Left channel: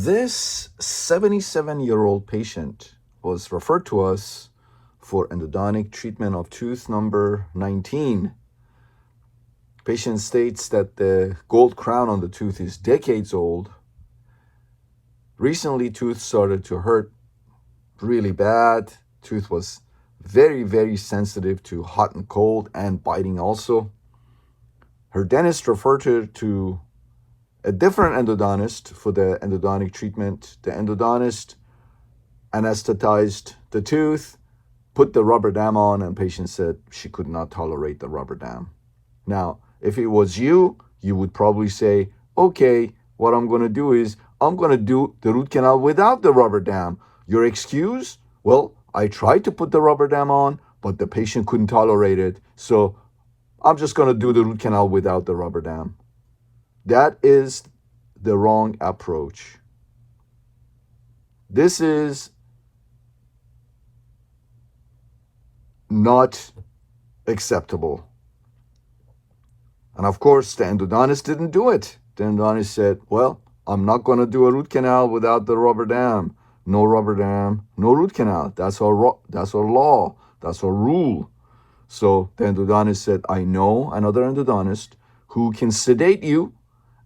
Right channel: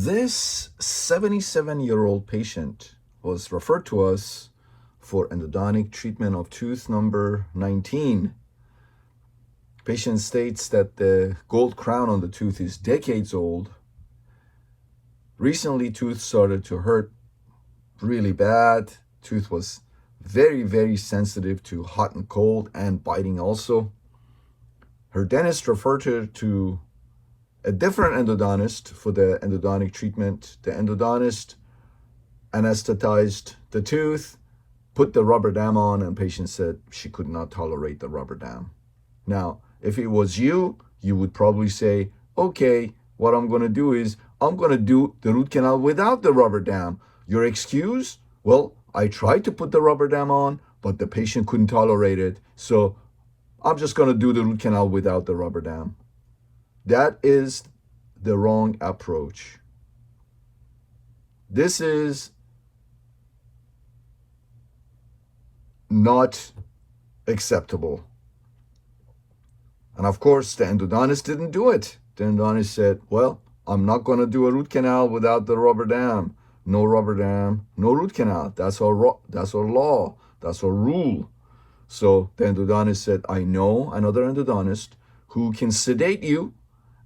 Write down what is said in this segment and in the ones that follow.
This 77-year-old patient was referred to us for endodontic treatment of tooth number 19. Patient states that the gold crown on the tooth is decades old. Recently, tooth started to hurt really bad. Tooth was very, very sensitive to hot and cold and biting also. Her dentist referred her to a different endodontist for the endodontic treatment. The endodontist anesthetized the tooth, put the rubber dam on, and patient said she could not tolerate the rubber dam. Now, if it was you, you would probably say, okay, what I'm going to do is I'm going to do the root canal without the rubber dam. Your excuse? Well, I tried to put the rubber dam on, but the patient couldn't tolerate it. So I'm just going to do the root canal without the rubber dam. That is the wrong approach. This is not acceptable. And of course, the endodontist didn't do it. The endodontist said, well, I'm not going to do a root canal without the rubber dam. No rubber dam, no root canal. That's our law. That's our rule. So the endodontist said, I know another endodontist who can sedate you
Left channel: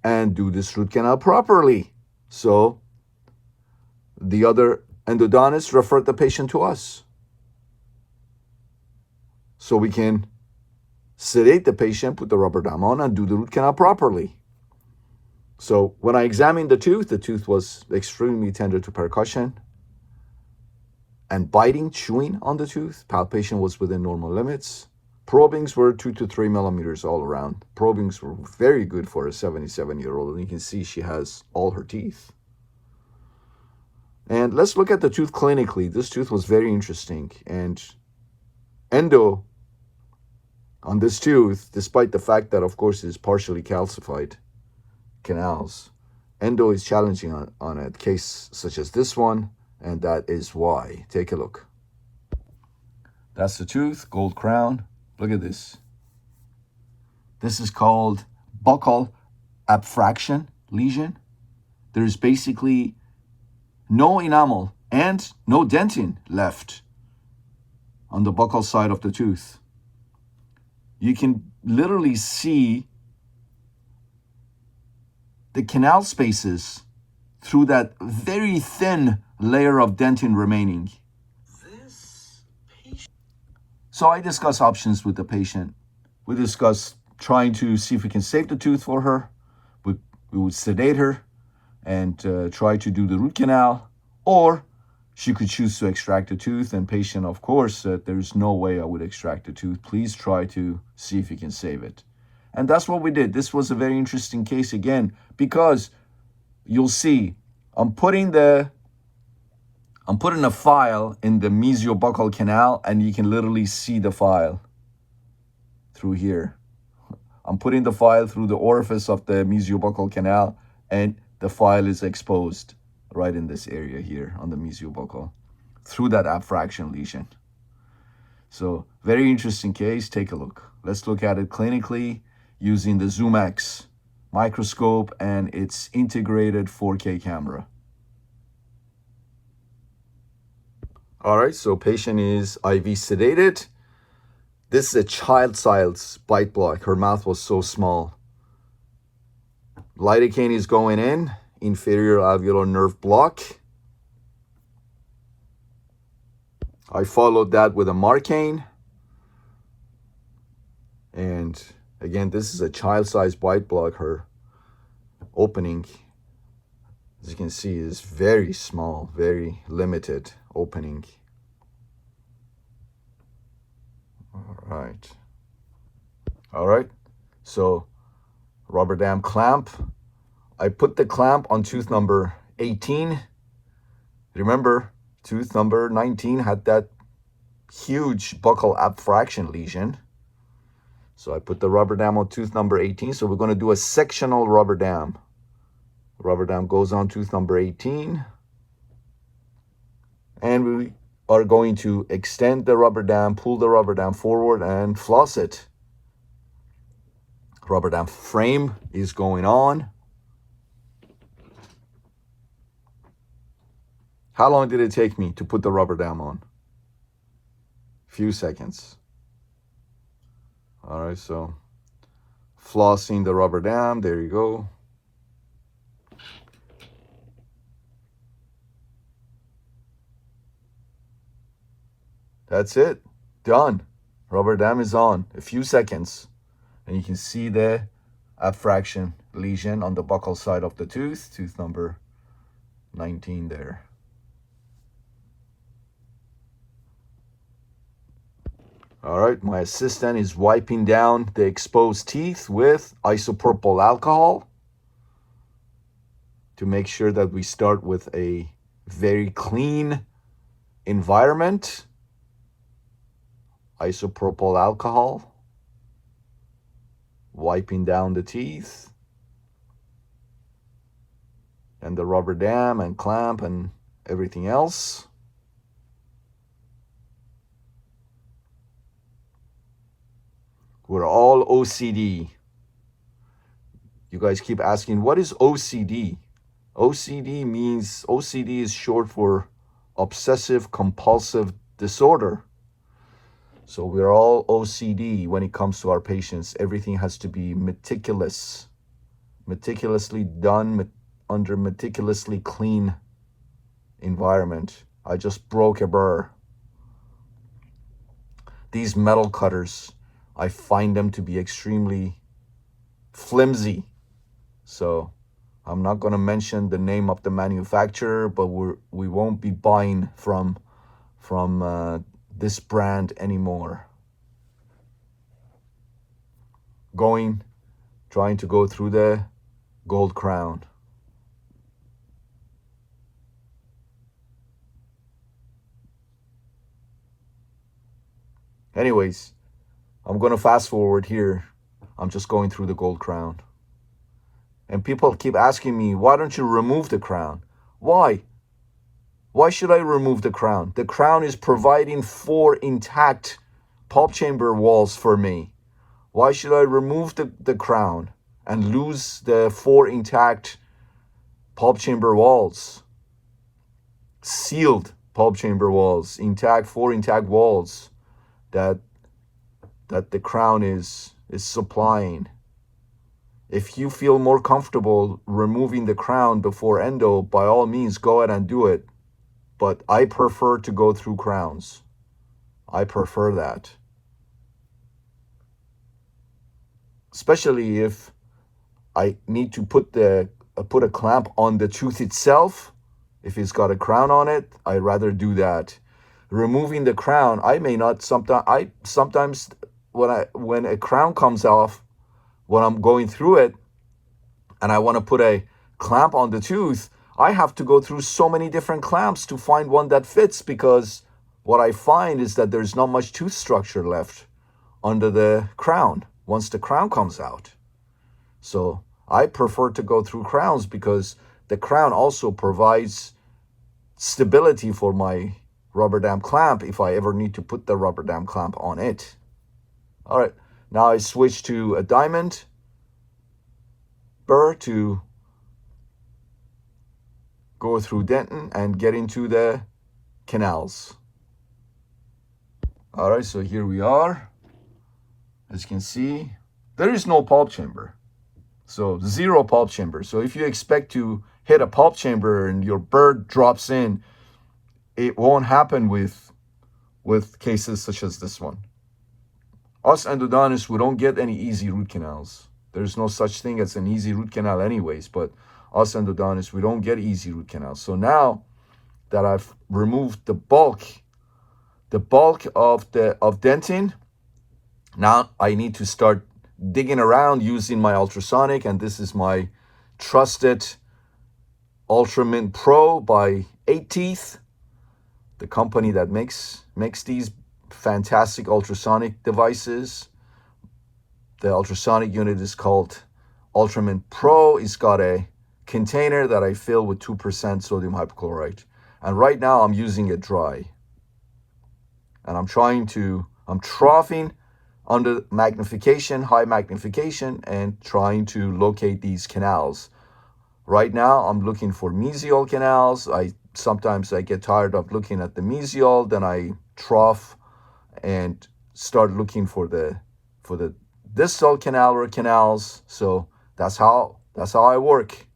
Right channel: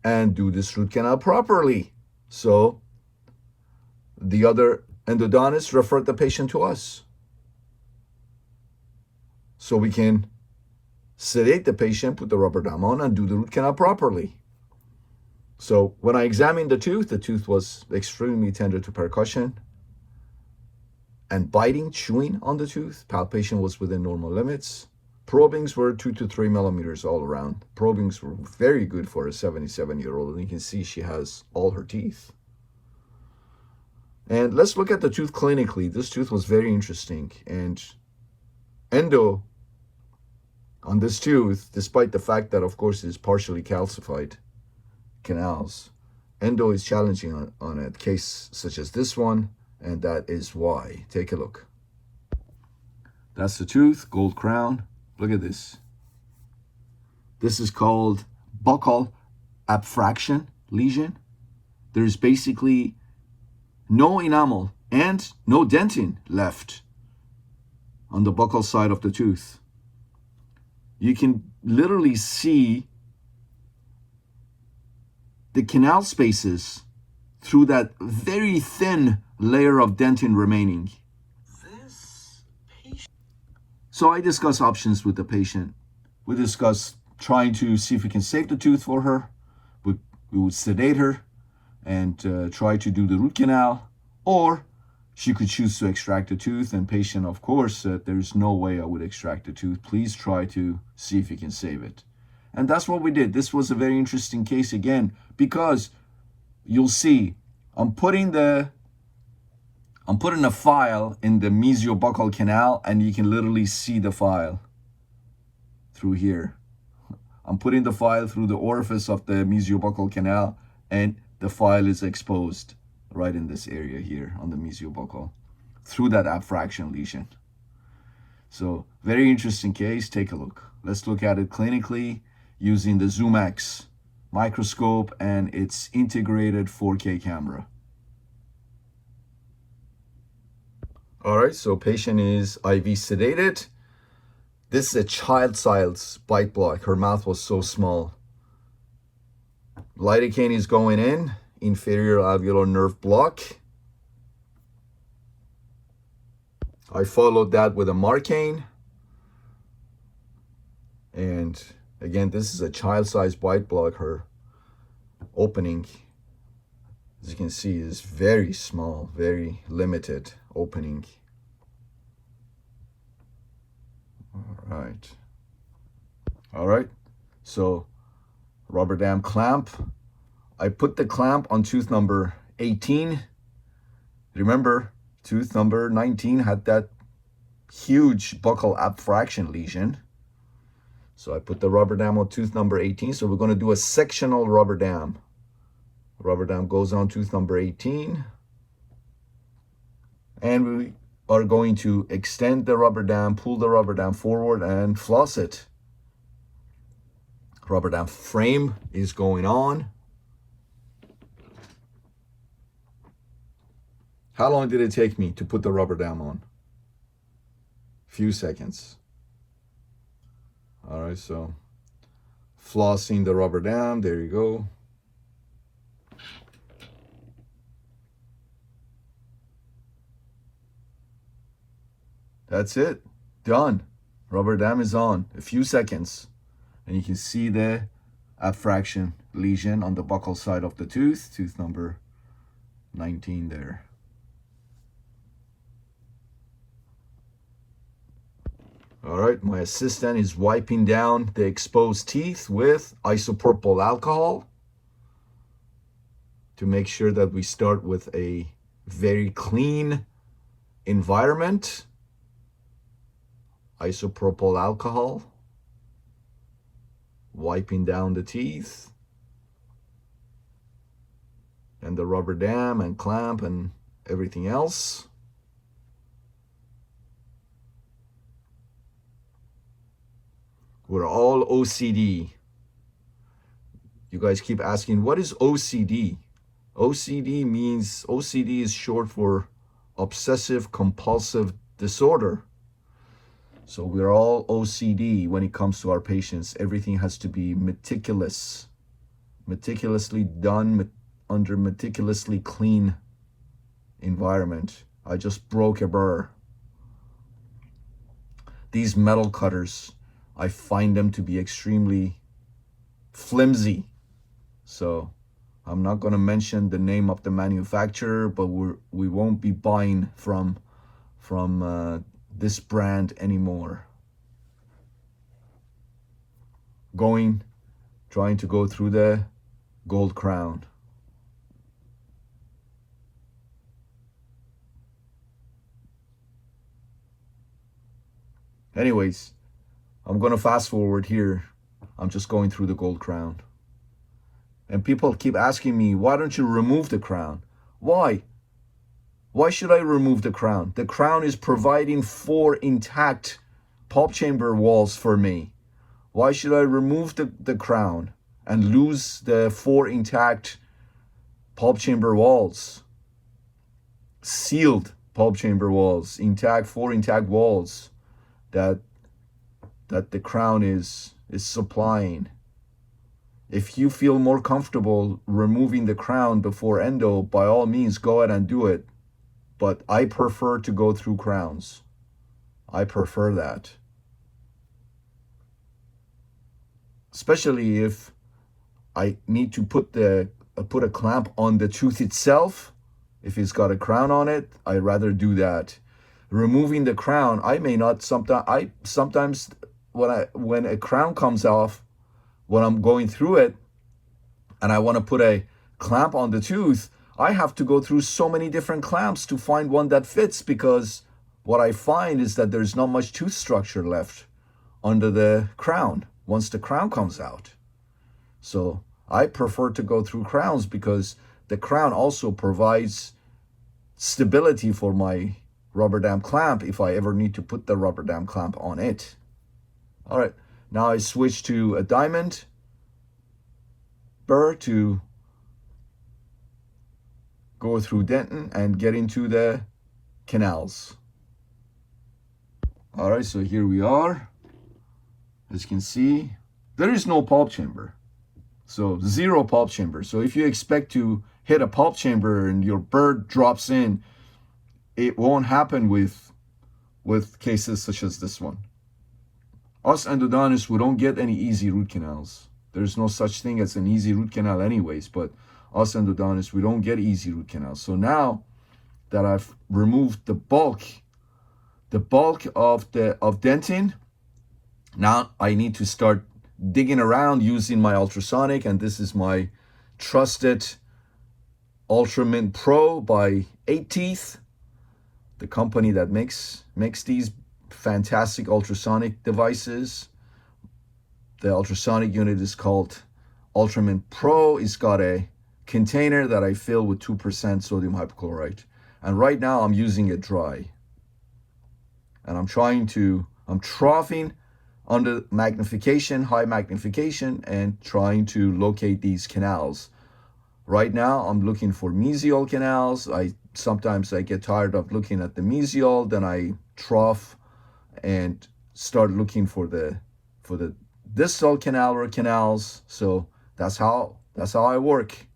and do this root canal properly. So the other endodontist referred the patient to us, so we can sedate the patient, put the rubber dam on, and do the root canal properly. So when I examined the tooth was extremely tender to percussion and biting, chewing on the tooth. Palpation was within normal limits. Probings were 2 to 3 millimeters all around. Probings were very good for a 77-year-old, and you can see she has all her teeth. And let's look at the tooth clinically. This tooth was very interesting, and endo on this tooth, despite the fact that, of course, it's partially calcified canals, endo is challenging on a case such as this one, and that is why. Take a look. That's the tooth, gold crown. Look at this. This is called buccal abfraction lesion. There's basically no enamel and no dentin left on the buccal side of the tooth. You can literally see the canal spaces through that very thin layer of dentin remaining. So I discuss options with the patient. We discuss trying to see if we can save the tooth for her. We would sedate her and try to do the root canal, or she could choose to extract the tooth. And patient, of course, said, there's no way I would extract the tooth. Please try to see if you can save it. And that's what we did. This was a very interesting case again, because you'll see I'm putting a file in the mesiobuccal canal, and you can literally see the file through here. I'm putting the file through the orifice of the mesiobuccal canal, and the file is exposed right in this area here on the mesiobuccal through that abfraction lesion. So very interesting case. Take a look. Let's look at it clinically using the ZoomX microscope and its integrated 4K camera. All right, so patient is IV sedated. This is a child-size bite block. Her mouth was so small. Lidocaine is going in, inferior alveolar nerve block. I followed that with a Marcaine. And again, this is a child-size bite block. Her opening, as you can see, is very small, very limited opening. All right, so rubber dam clamp. I put the clamp on tooth number 18. Remember, tooth number 19 had that huge buccal abfraction lesion. So I put the rubber dam on tooth number 18. So we're going to do a sectional rubber dam. Rubber dam goes on tooth number 18. And we are going to extend the rubber dam, pull the rubber dam forward, and floss it. Rubber dam frame is going on. How long did it take me to put the rubber dam on? Few seconds. All right, so flossing the rubber dam, there you go. That's it, done. Rubber dam is on, a few seconds. And you can see the abfraction lesion on the buccal side of the tooth number 19 there. All right, my assistant is wiping down the exposed teeth with isopropyl alcohol to make sure that we start with a very clean environment. Isopropyl alcohol, wiping down the teeth and the rubber dam and clamp and everything else. We're all OCD. You guys keep asking, what is OCD? OCD is short for obsessive compulsive disorder. So we're all OCD when it comes to our patients. Everything has to be meticulously done under meticulously clean environment. I just broke a burr. These metal cutters, I find them to be extremely flimsy. So I'm not going to mention the name of the manufacturer, but we won't be buying from this brand anymore. Trying to go through the gold crown. Anyways, I'm going to fast forward here. I'm just going through the gold crown. And people keep asking me, why don't you remove the crown? Why? Why should I remove the crown? The crown is providing 4 intact pulp chamber walls for me. Why should I remove the crown and lose the 4 intact pulp chamber walls? Sealed pulp chamber walls, 4 intact walls that the crown is supplying. If you feel more comfortable removing the crown before endo, by all means, go ahead and do it. But I prefer to go through crowns. I prefer that. Especially if I need to put a clamp on the tooth itself. If it's got a crown on it, I'd rather do that. Removing the crown, I may not. Sometimes when a crown comes off, when I'm going through it and I want to put a clamp on the tooth, I have to go through so many different clamps to find one that fits, because what I find is that there's not much tooth structure left under the crown once the crown comes out. So I prefer to go through crowns because the crown also provides stability for my rubber dam clamp if I ever need to put the rubber dam clamp on it. All right, now I switch to a diamond burr to go through dentin and get into the canals. All right, so here we are. As you can see, there is no pulp chamber. So 0 pulp chamber. So if you expect to hit a pulp chamber and your bird drops in, it won't happen with cases such as this one. Us endodontists, we don't get any easy root canals. There's no such thing as an easy root canal anyways, but us endodontists, we don't get easy root canals. So now that I've removed the bulk of dentin, now I need to start digging around using my ultrasonic, and this is my trusted Ultramint Pro by 8 Teeth, the company that makes these fantastic ultrasonic devices. The ultrasonic unit is called Ultramint Pro. It's got a container that I fill with 2% sodium hypochlorite. And right now I'm using it dry. And I'm troughing under magnification, high magnification, and trying to locate these canals. Right now, I'm looking for mesial canals. Sometimes I get tired of looking at the mesial, then I trough and start looking for the distal canal or canals. So that's how I work.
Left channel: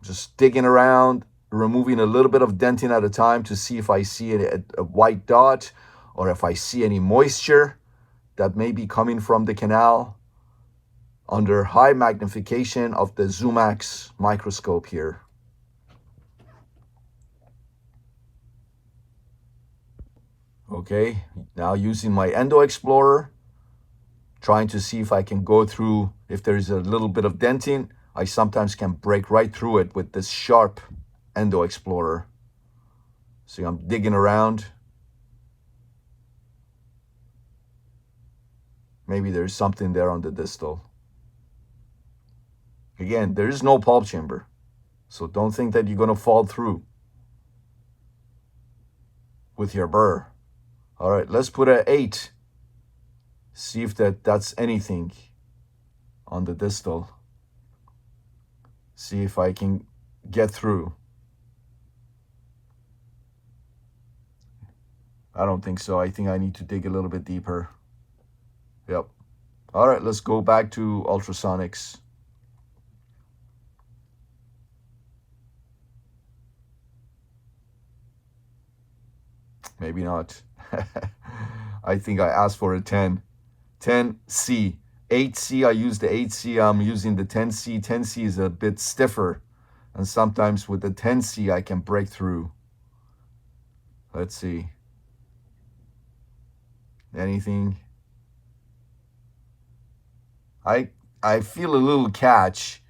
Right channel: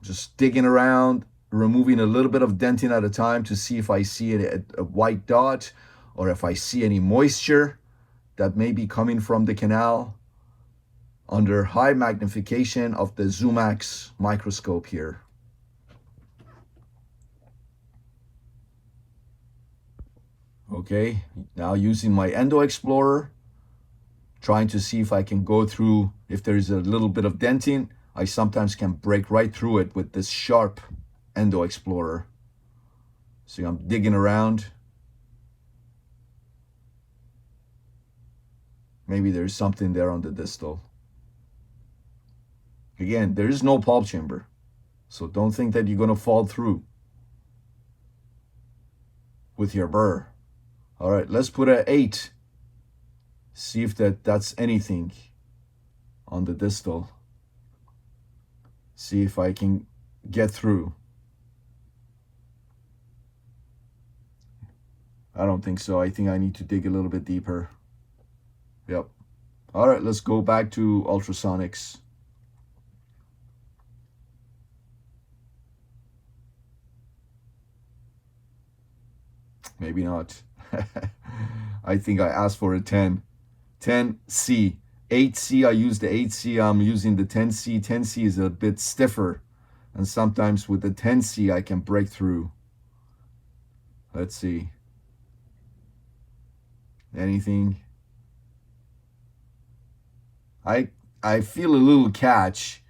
Just digging around, removing a little bit of dentin at a time to see if I see a white dot or if I see any moisture that may be coming from the canal under high magnification of the Zoomax microscope here. Okay, now using my Endo Explorer, trying to see if I can go through, if there's a little bit of dentin, I sometimes can break right through it with this sharp Endo Explorer. See, I'm digging around. Maybe there's something there on the distal. Again, there is no pulp chamber, so don't think that you're going to fall through with your burr. All right, let's put an 8. See if that's anything on the distal. See if I can get through. I don't think so. I think I need to dig a little bit deeper. Yep. All right, let's go back to ultrasonics. Maybe not. I think I asked for a 10. 10C. 8C, I use the 8C. I'm using the 10C. 10C is a bit stiffer. And sometimes with the 10C, I can break through. Let's see. Anything? I feel a little catch,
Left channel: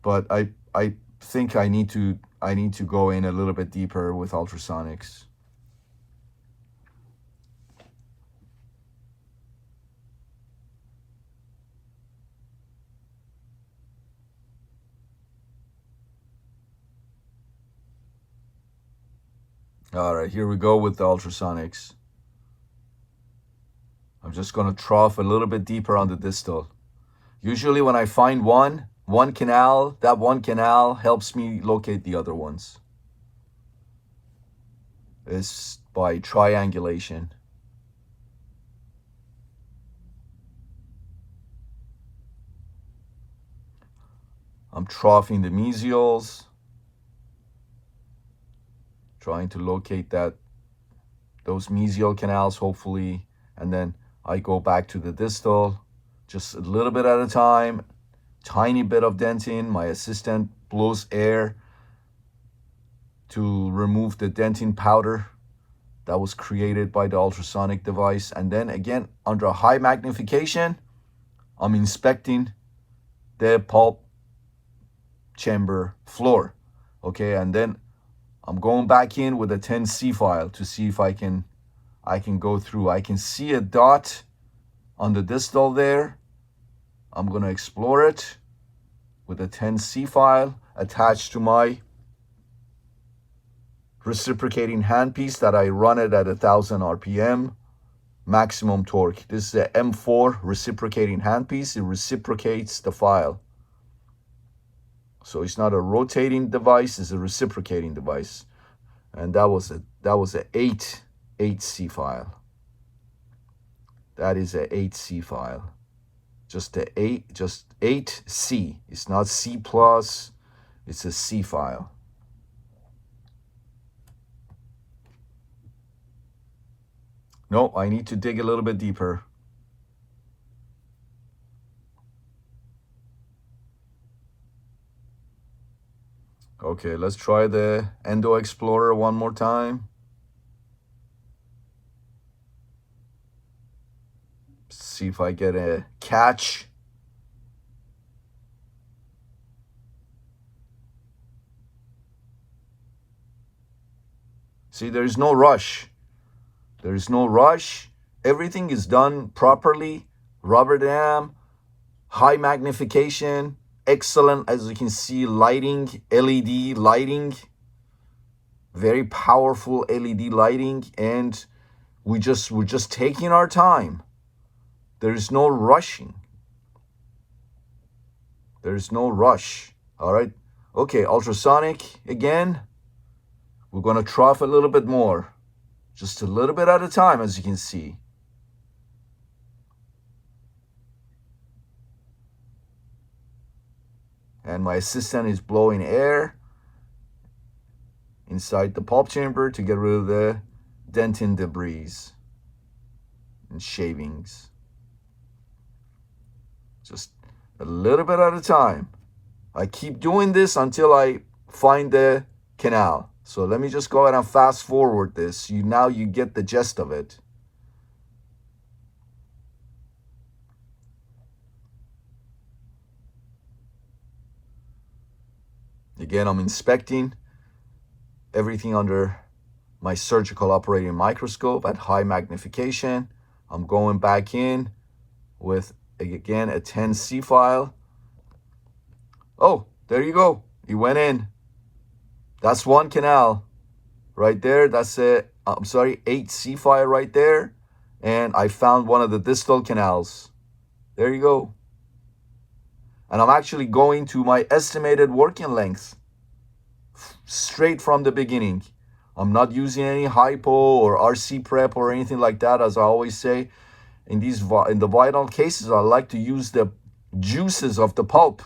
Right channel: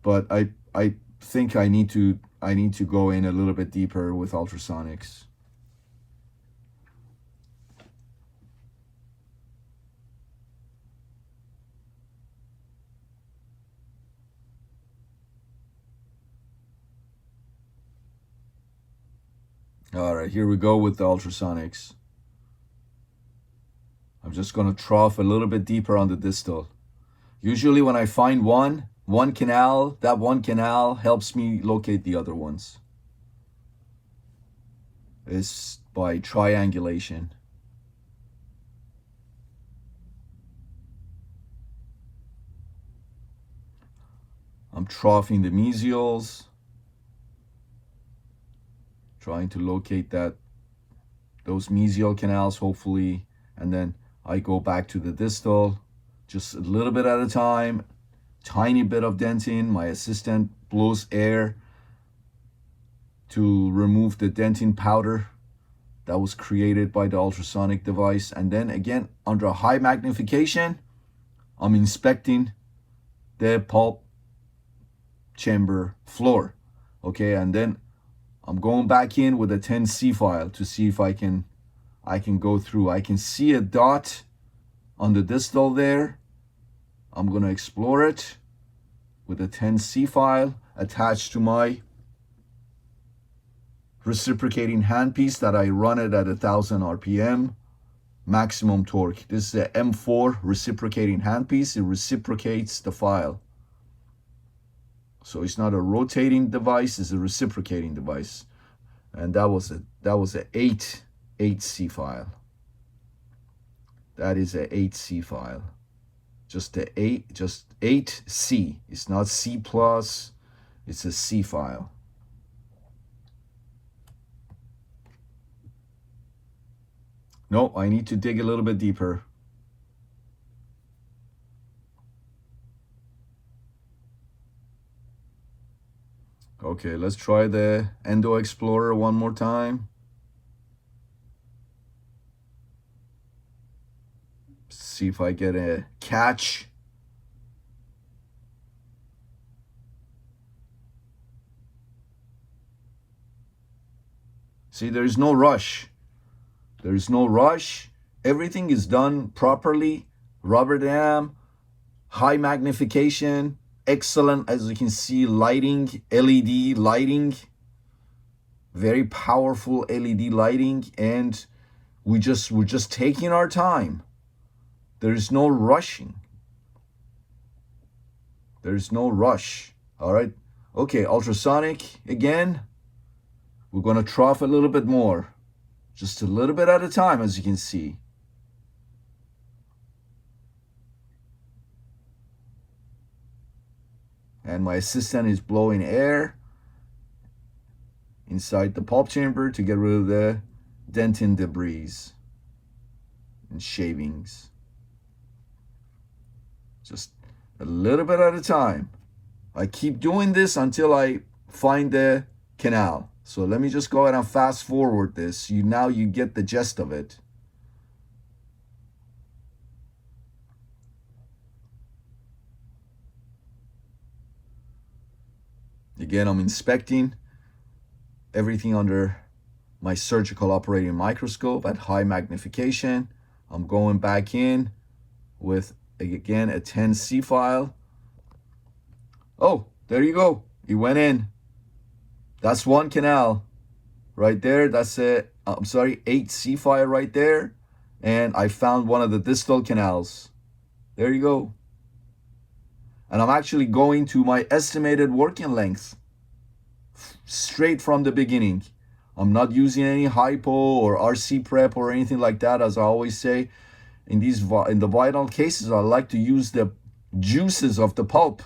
but I think I need to go in a little bit deeper with ultrasonics. All right, here we go with the ultrasonics. I'm just going to trough a little bit deeper on the distal. Usually when I find one canal, that one canal helps me locate the other ones. It's by triangulation. I'm troughing the mesials, trying to locate those mesial canals, hopefully, and then I go back to the distal, just a little bit at a time, tiny bit of dentin. My assistant blows air to remove the dentin powder that was created by the ultrasonic device. And then again, under high magnification, I'm inspecting the pulp chamber floor. Okay, and then I'm going back in with a 10C file to see if I can go through. I can see a dot on the distal there. I'm going to explore it with a 10C file attached to my reciprocating handpiece that I run it at 1,000 RPM, maximum torque. This is a M4 reciprocating handpiece. It reciprocates the file. So it's not a rotating device, it's a reciprocating device. And that was a 8C file. That is a 8C file. Just 8C. It's not C plus, it's a C file. No, I need to dig a little bit deeper. Okay, let's try the Endo Explorer one more time. See if I get a catch. See, there's no rush. There's no rush. Everything is done properly. Rubber dam, high magnification, excellent, as you can see, lighting, LED lighting, very powerful LED lighting, and we're just taking our time. There's no rushing. There's no rush. All right. Okay, ultrasonic again. We're going to trough a little bit more. Just a little bit at a time, as you can see. And my assistant is blowing air inside the pulp chamber to get rid of the dentin debris and shavings. Just a little bit at a time. I keep doing this until I find the canal. So let me just go ahead and fast forward this. Now you get the gist of it. Again, I'm inspecting everything under my surgical operating microscope at high magnification. I'm going back in with, again, a 10C file. Oh, there you go. It went in. That's one canal right there. That's a, 8C file right there. And I found one of the distal canals. There you go. And I'm actually going to my estimated working length straight from the beginning. I'm not using any hypo or RC prep or anything like that. As I always say, in the vital cases, I like to use the juices of the pulp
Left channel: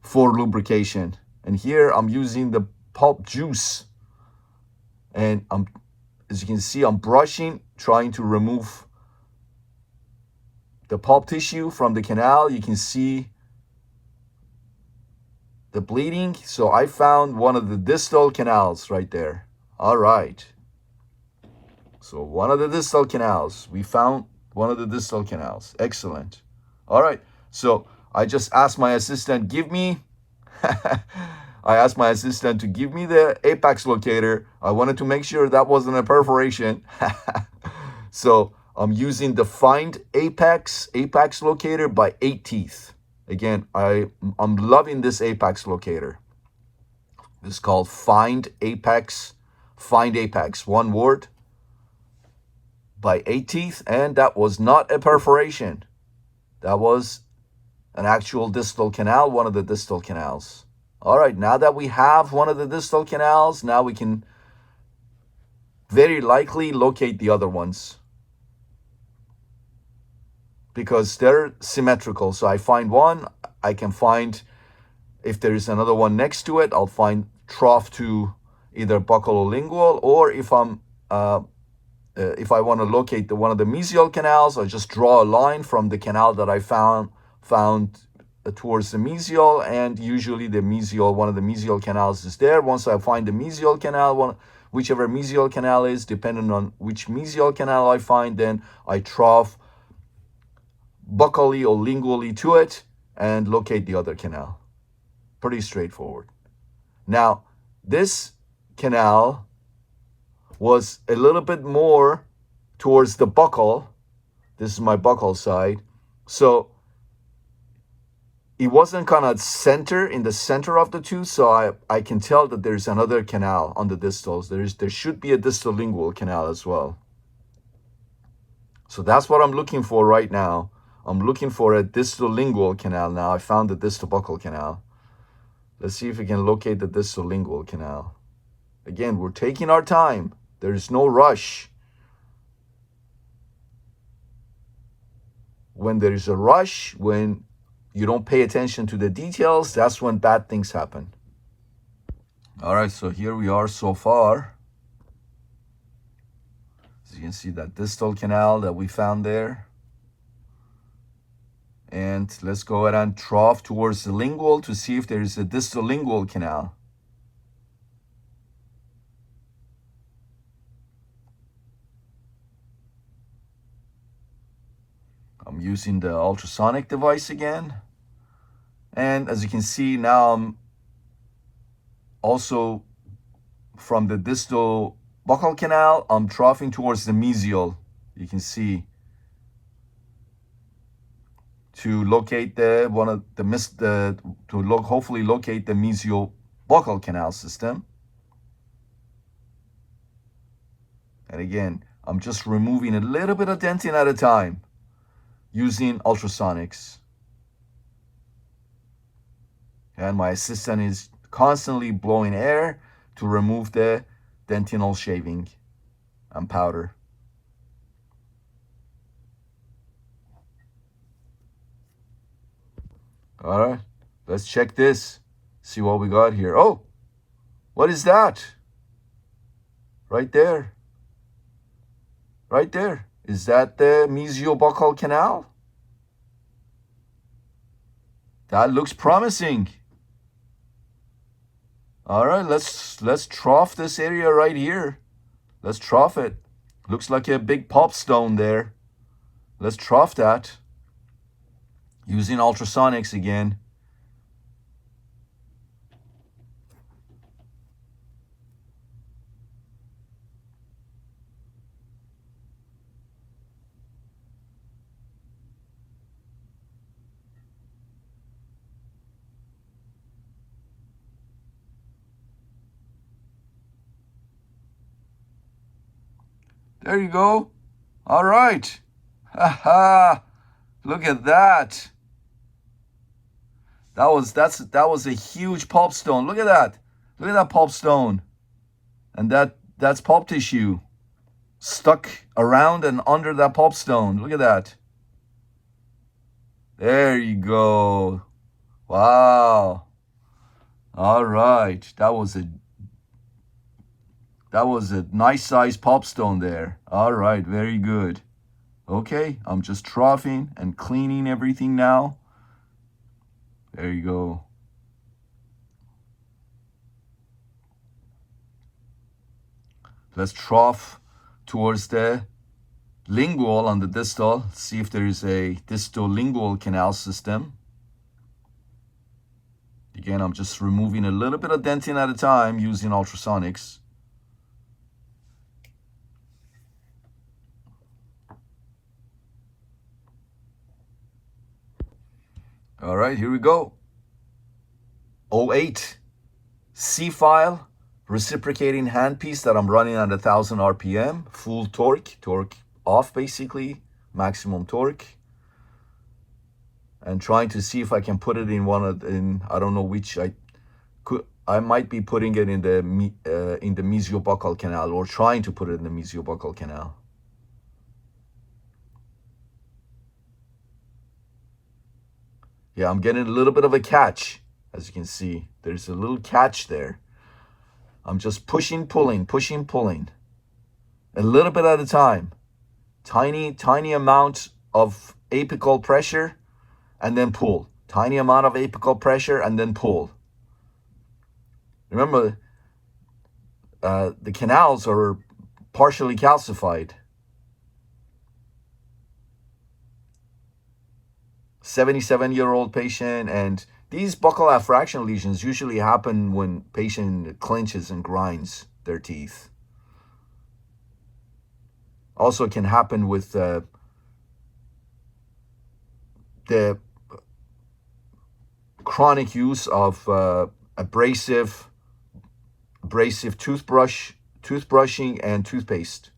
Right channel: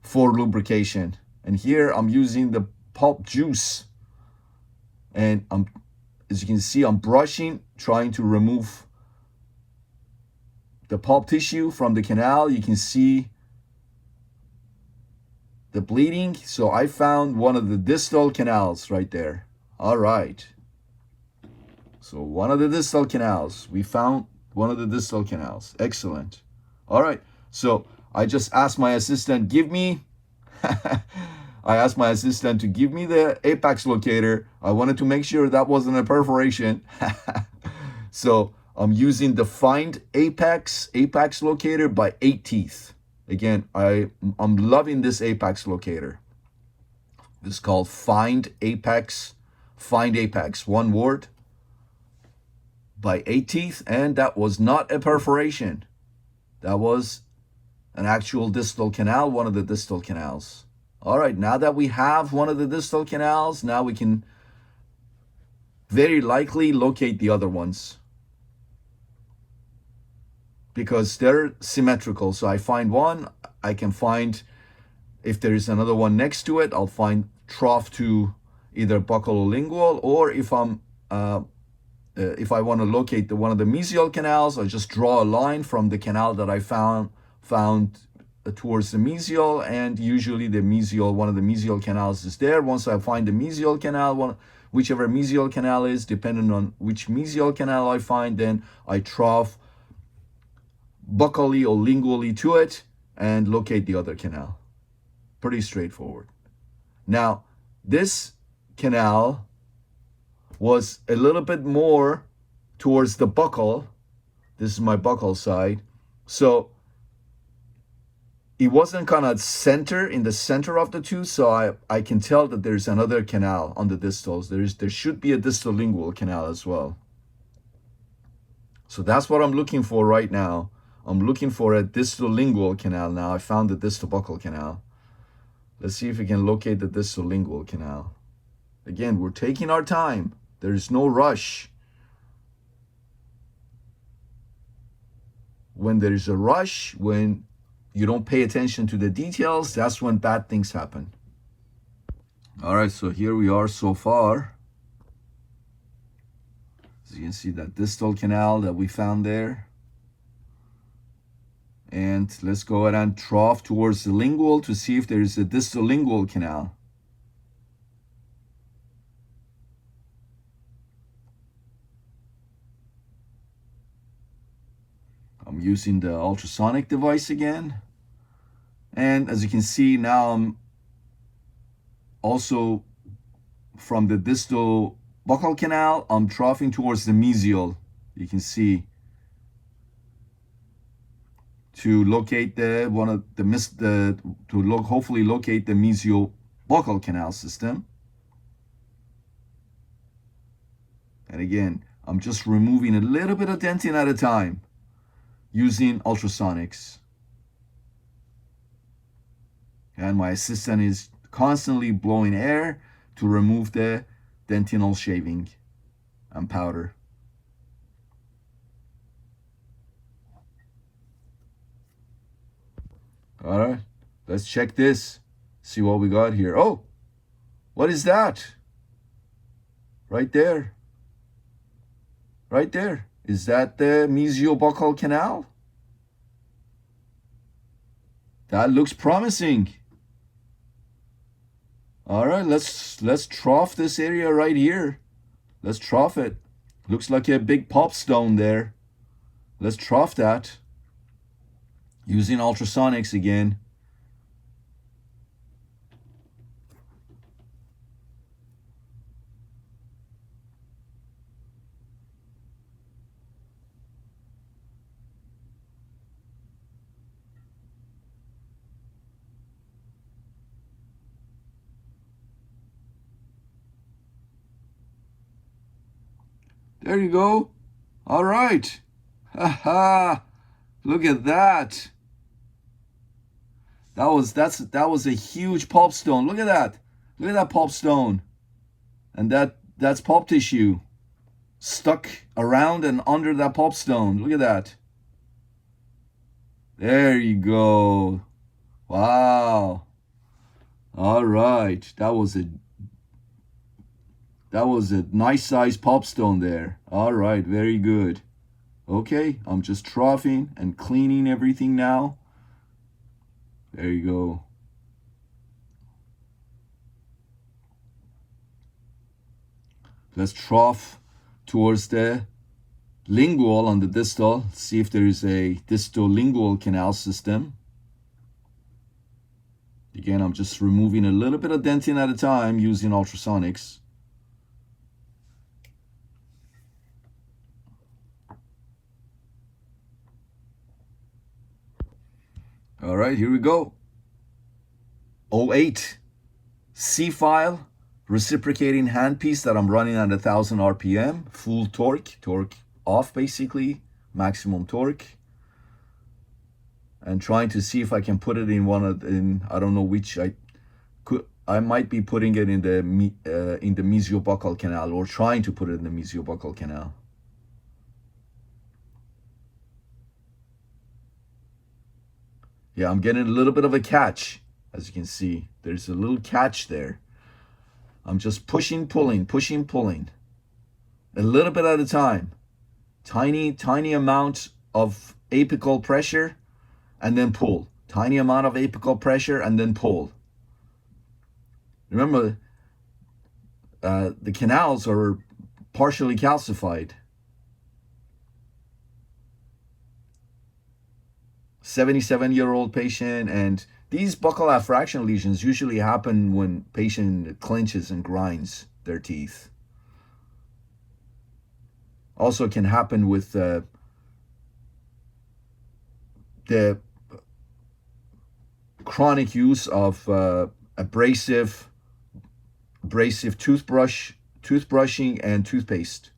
for lubrication. And here I'm using the pulp juice. And as you can see, I'm brushing, trying to remove the pulp tissue from the canal. You can see the bleeding. So I found one of the distal canals right there. All right. So one of the distal canals. We found one of the distal canals. Excellent. All right. So I just asked my assistant, I asked my assistant to give me the apex locator. I wanted to make sure that wasn't a perforation. So I'm using the Find Apex locator by 8 Teeth. Again, I'm loving this apex locator. This is called Find Apex, one word, by 8 Teeth. And that was not a perforation. That was an actual distal canal, one of the distal canals. All right, now that we have one of the distal canals, now we can very likely locate the other ones because they're symmetrical. So I find one, I can find, if there is another one next to it, I'll find trough to either buccal-lingual, or if I want to locate one of the mesial canals, I just draw a line from the canal that I found towards the mesial, and usually one of the mesial canals is there. Once I find the mesial canal, whichever mesial canal is, depending on which mesial canal I find, then I trough buccally or lingually to it and locate the other canal. Pretty straightforward. Now, this canal was a little bit more towards the buccal. This is my buccal side. So it wasn't kind of in the center of the two, so I can tell that there's another canal on the distals. There should be a distal lingual canal as well. So that's what I'm looking for right now. I'm looking for a distal lingual canal now. I found the distal buccal canal. Let's see if we can locate the distal lingual canal. Again, we're taking our time. There's no rush. When there is a rush, when you don't pay attention to the details, that's when bad things happen. All right, so here we are so far. As you can see, that distal canal that we found there. And let's go ahead and trough towards the lingual to see if there is a distal lingual canal. I'm using the ultrasonic device again. And as you can see, now I'm also from the distal buccal canal, I'm troughing towards the mesial. You can see, to locate hopefully locate the mesial buccal canal system. And again, I'm just removing a little bit of dentin at a time using ultrasonics. And my assistant is constantly blowing air to remove the dentinal shaving and powder. All right, let's check this. See what we got here. Oh, what is that? Right there. Right there. Is that the mesiobuccal canal? That looks promising. All right, let's trough this area right here. Let's trough it. Looks like a big pop stone there. Let's trough that using ultrasonics again. There you go. All right. Ha! Look at that. That was a huge pulp stone. Look at that. Look at that pulp stone. And that's pulp tissue stuck around and under that pulp stone. Look at that. There you go. Wow. All right. That was a nice size pulp stone there. All right, very good. Okay, I'm just troughing and cleaning everything now. There you go. Let's trough towards the lingual on the distal. See if there is a distal lingual canal system. Again, I'm just removing a little bit of dentin at a time using ultrasonics. All right, here we go. 08 C file, reciprocating handpiece that I'm running at 1,000 RPM, full torque off basically, maximum torque. And trying to see if I can put it in I don't know which, I might be putting it in the mesiobuccal canal, or trying to put it in the mesiobuccal canal. Yeah, I'm getting a little bit of a catch. As you can see, there's a little catch there. I'm just pushing, pulling, a little bit at a time. Tiny amount of apical pressure, and then pull. Tiny amount of apical pressure, and then pull. Remember, the canals are partially calcified. 77-year-old patient, and these buccal affraction lesions usually happen when patient clenches and grinds their teeth. Also can happen with the chronic use of abrasive toothbrushing and toothpaste.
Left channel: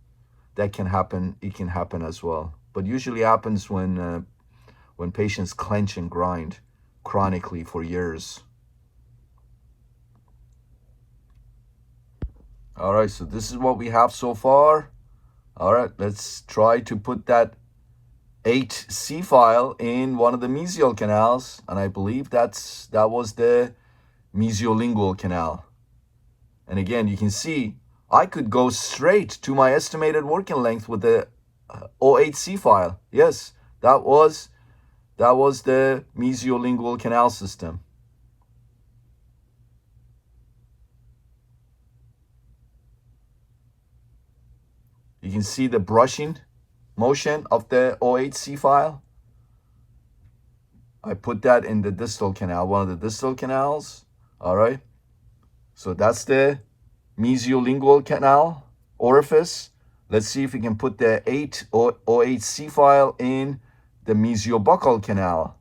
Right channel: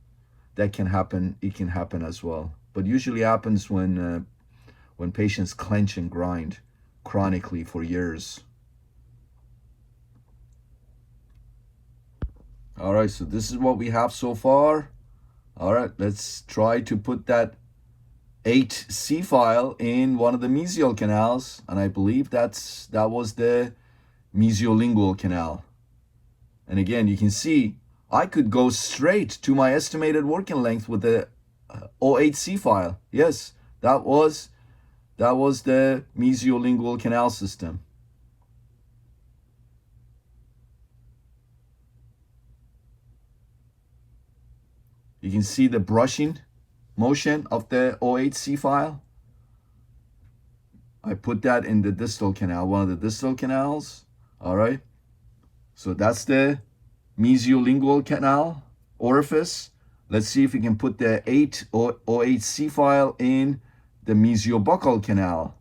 That can happen. It can happen as well, but usually happens when patients clench and grind chronically for years. All right, so this is what we have so far. All right, let's try to put that 8C file in one of the mesial canals, and I believe that was the mesiolingual canal. And again, you can see I could go straight to my estimated working length with the 08C file. Yes, that was the mesiolingual canal system. You can see the brushing motion of the 08C file. I put that in the distal canal, one of the distal canals. All right. So that's the mesiolingual canal orifice. Let's see if we can put the 08C file in the mesiobuccal canal.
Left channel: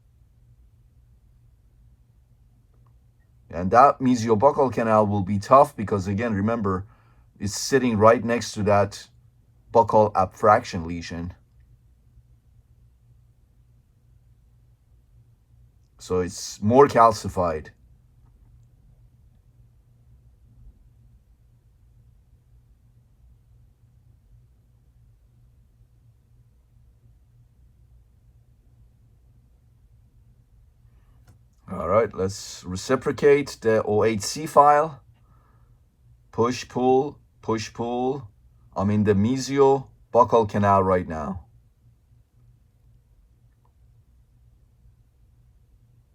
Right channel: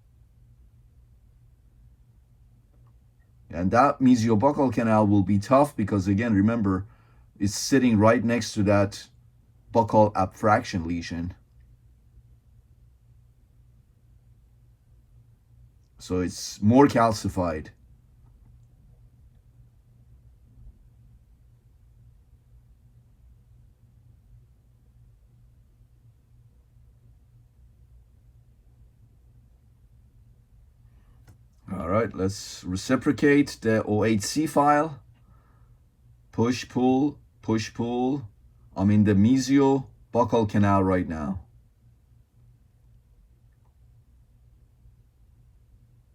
And that mesiobuccal canal will be tough because, again, remember, it's sitting right next to that buccal abfraction lesion. So it's more calcified. All right, let's reciprocate the OHC file. Push, pull, push, pull. I'm in the mesiobuccal canal right now.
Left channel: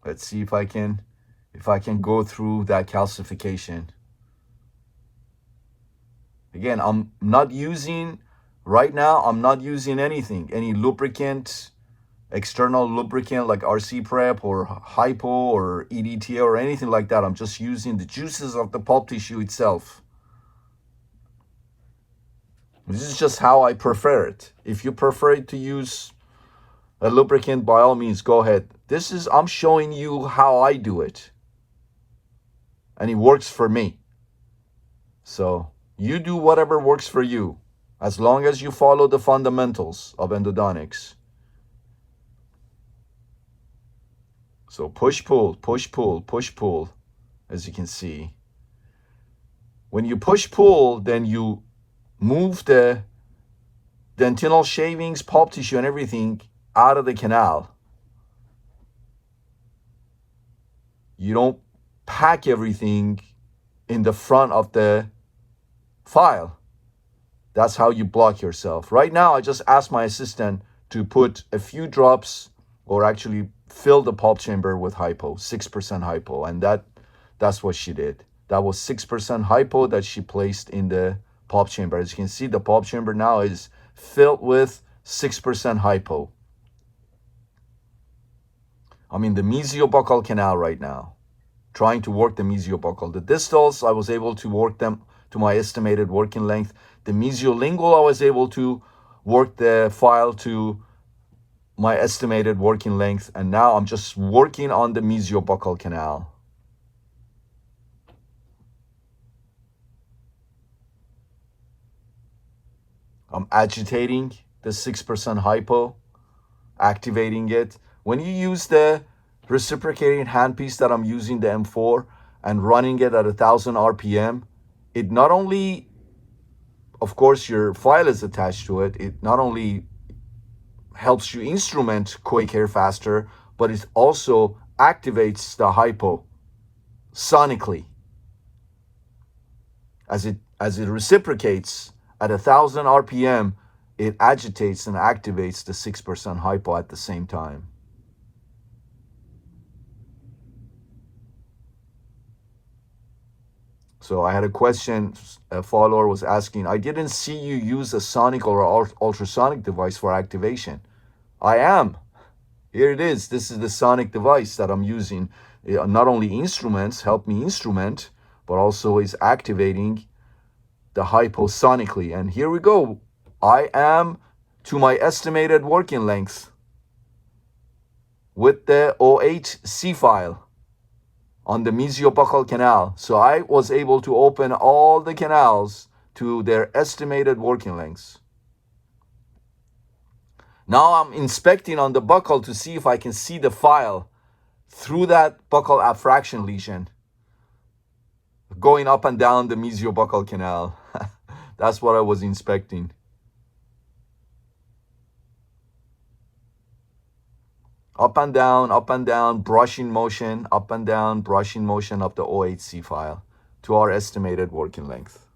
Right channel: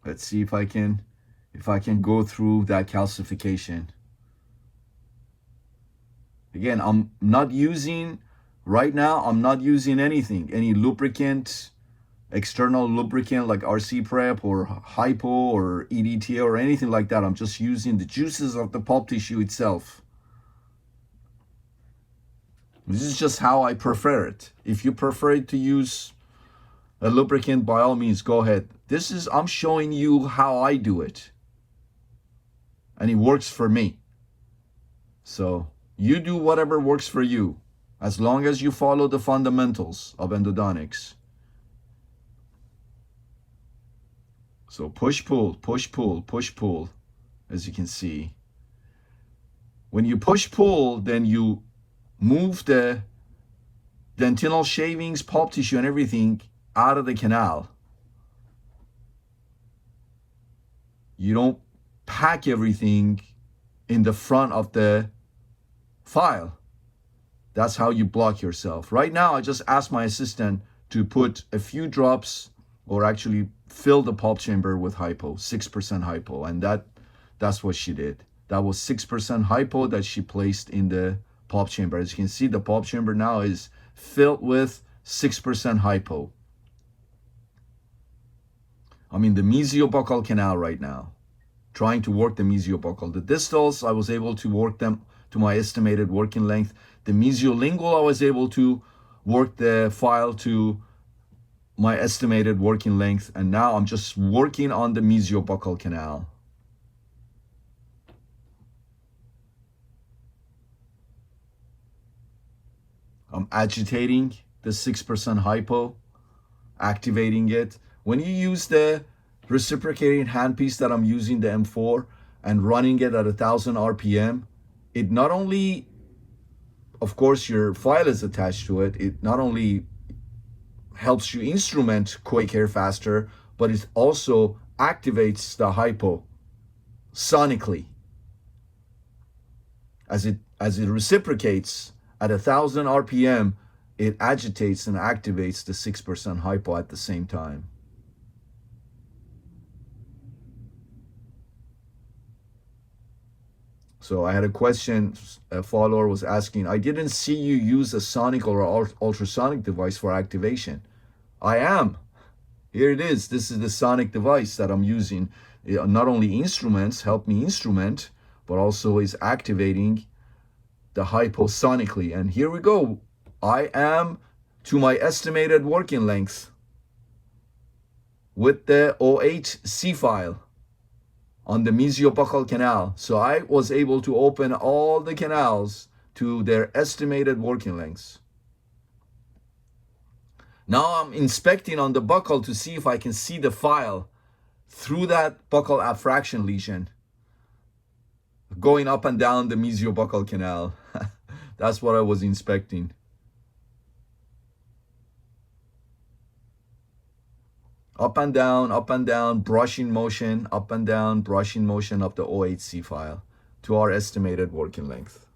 Let's see if I can go through that calcification. Again, I'm not using anything, any lubricant, external lubricant like RC prep or hypo or EDTA or anything like that. I'm just using the juices of the pulp tissue itself. This is just how I prefer it. If you prefer to use a lubricant, by all means, go ahead. I'm showing you how I do it. And it works for me. So you do whatever works for you, as long as you follow the fundamentals of endodontics. So push, pull, push, pull, push, pull, as you can see. When you push, pull, then you move the dentinal shavings, pulp tissue, and everything out of the canal. You don't pack everything in the front of the file. That's how you block yourself. Right now, I just asked my assistant to put a few drops or actually fill the pulp chamber with hypo, 6% hypo. And that's what she did. That was 6% hypo that she placed in the pulp chamber. As you can see, the pulp chamber now is filled with 6% hypo. I'm in the mesiobuccal canal right now, trying to work the mesiobuccal. The distals, I was able to work them to my estimated working length. The mesiolingual, I was able to work the file to my estimated working length. And now I'm just working on the mesiobuccal canal. I'm agitating the 6% hypo, activating it. When you use the reciprocating handpiece that I'm using, the M4, and running it at 1,000 RPM, it not only, of course, your file is attached to it, it not only helps you instrument quick hair faster, but it also activates the hypo sonically. As it reciprocates at 1,000 RPM, it agitates and activates the 6% hypo at the same time. So I had a question, a follower was asking, I didn't see you use a sonic or ultrasonic device for activation. I am. Here it is. This is the sonic device that I'm using. It not only instruments, help me instrument, but also is activating the hypo sonically. And here we go. I am to my estimated working length with the OHC file on the mesiobuccal canal. So I was able to open all the canals to their estimated working lengths. Now I'm inspecting on the buccal to see if I can see the file through that buccal abfraction lesion going up and down the mesiobuccal canal. That's what I was inspecting. Up and down, brushing motion, up and down, brushing motion of the OHC file to our estimated working length.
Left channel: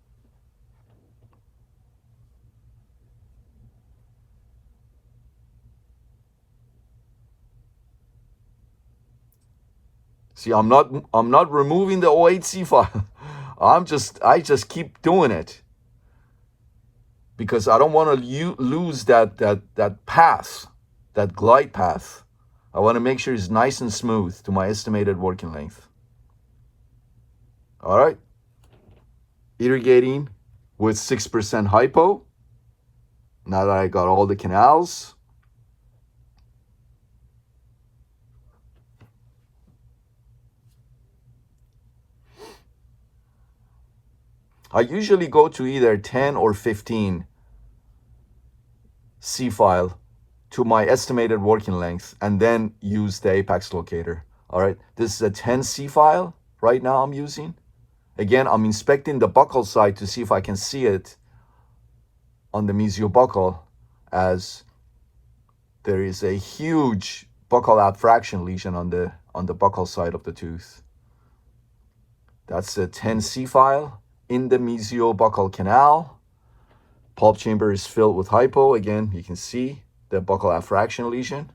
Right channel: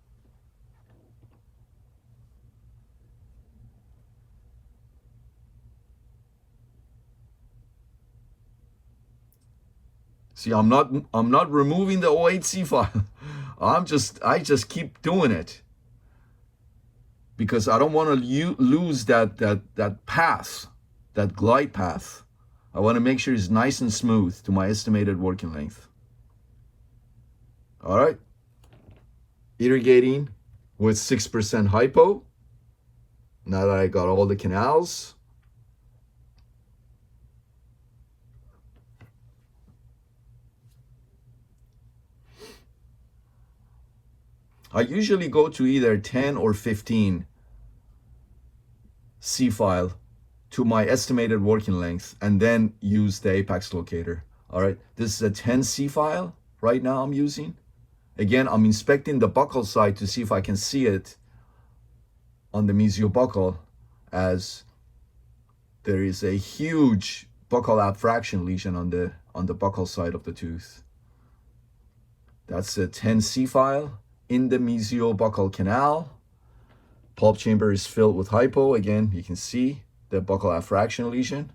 See, I'm not removing the OHC file. I just keep doing it because I don't want to lose that path, that glide path. I want to make sure it's nice and smooth to my estimated working length. All right. Irrigating with 6% hypo. Now that I got all the canals. I usually go to either 10 or 15 C file to my estimated working length and then use the apex locator. All right, this is a 10C file right now I'm using. Again, I'm inspecting the buccal side to see if I can see it on the mesiobuccal, as there is a huge buccal abfraction lesion on on the buccal side of the tooth. That's the 10C file in the mesiobuccal canal. Pulp chamber is filled with hypo. Again, you can see the buccal affraction lesion.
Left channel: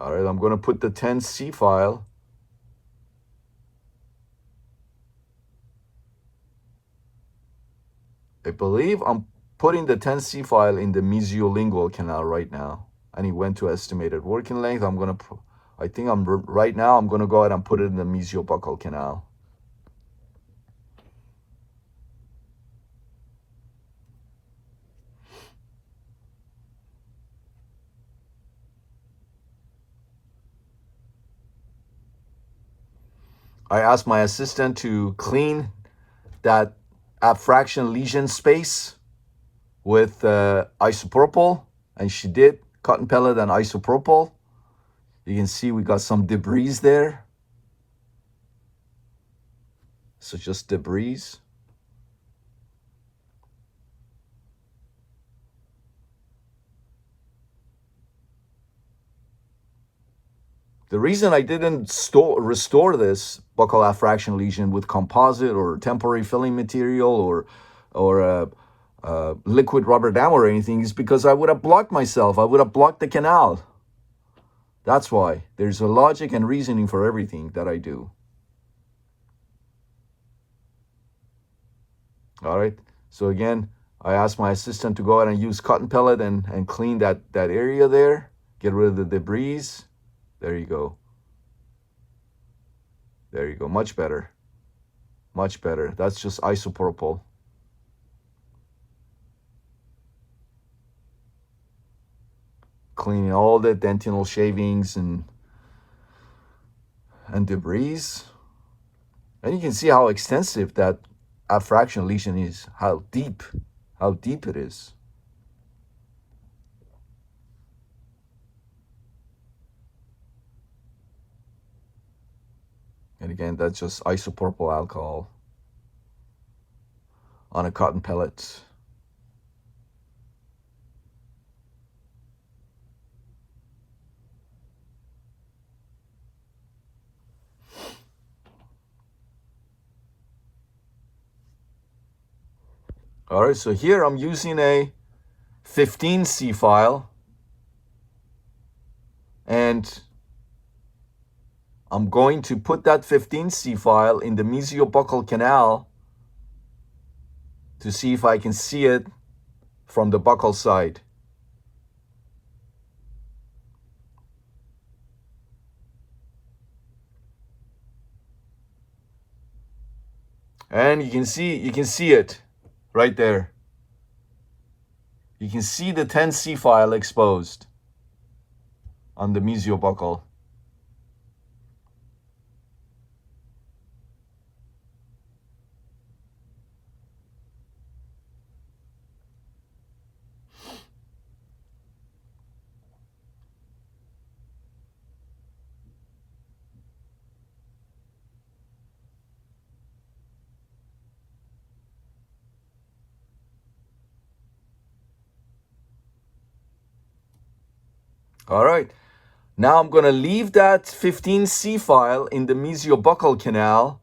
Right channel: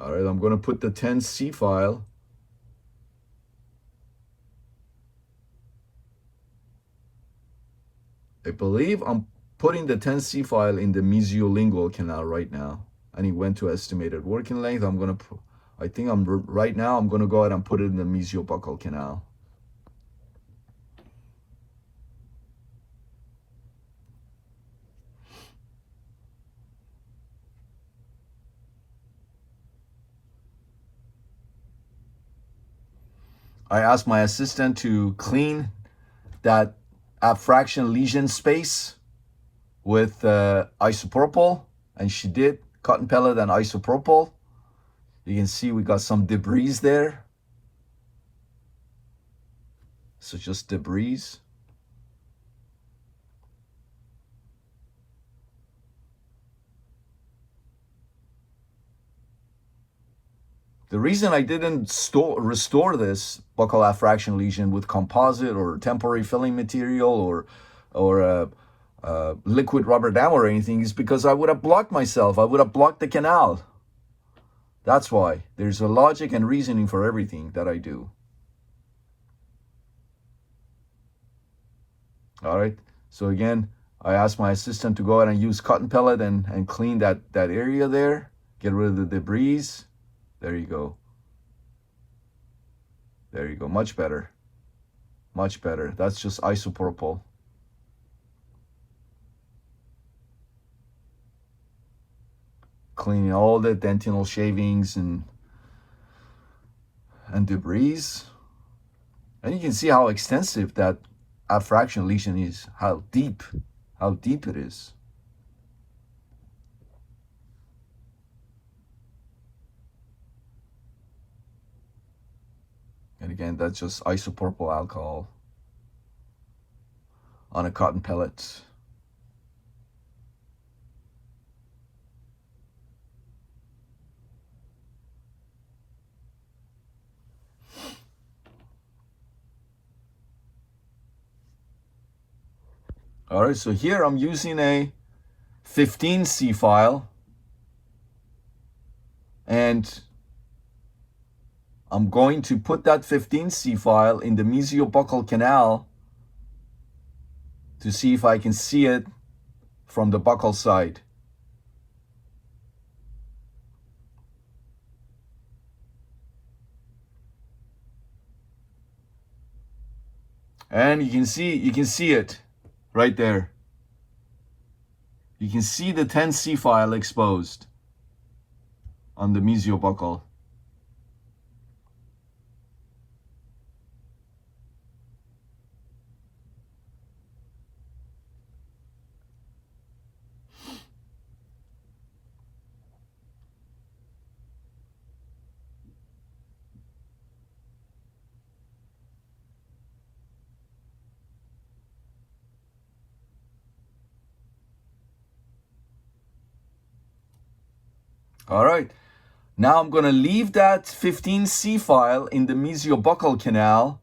All right, I'm going to put the 10C file. I believe I'm putting the 10C file in the mesiolingual canal right now. And it went to estimated working length. Right now I'm going to go ahead and put it in the mesiobuccal canal. I asked my assistant to clean that abfraction lesion space with isopropyl, and she did. Cotton pellet and isopropyl. You can see we got some debris there. So just debris. The reason I didn't restore this buccal affraction lesion with composite or temporary filling material or liquid rubber dam or anything is because I would have blocked myself. I would have blocked the canal. That's why. There's a logic and reasoning for everything that I do. All right. So again, I asked my assistant to go ahead and use cotton pellet and clean that area there. Get rid of the debris. There you go. There you go. Much better. Much better. That's just isopropyl. Cleaning all the dentinal shavings and debris. And you can see how extensive that affraction lesion is, how deep it is. And again, that's just isopropyl alcohol on a cotton pellet. All right, so here I'm using a 15C file, and I'm going to put that 15C file in the mesiobuccal canal to see if I can see it from the buccal side. And you can see it right there. You can see the 10C file exposed on the mesiobuccal. All right, now I'm going to leave that 15C file in the mesiobuccal canal.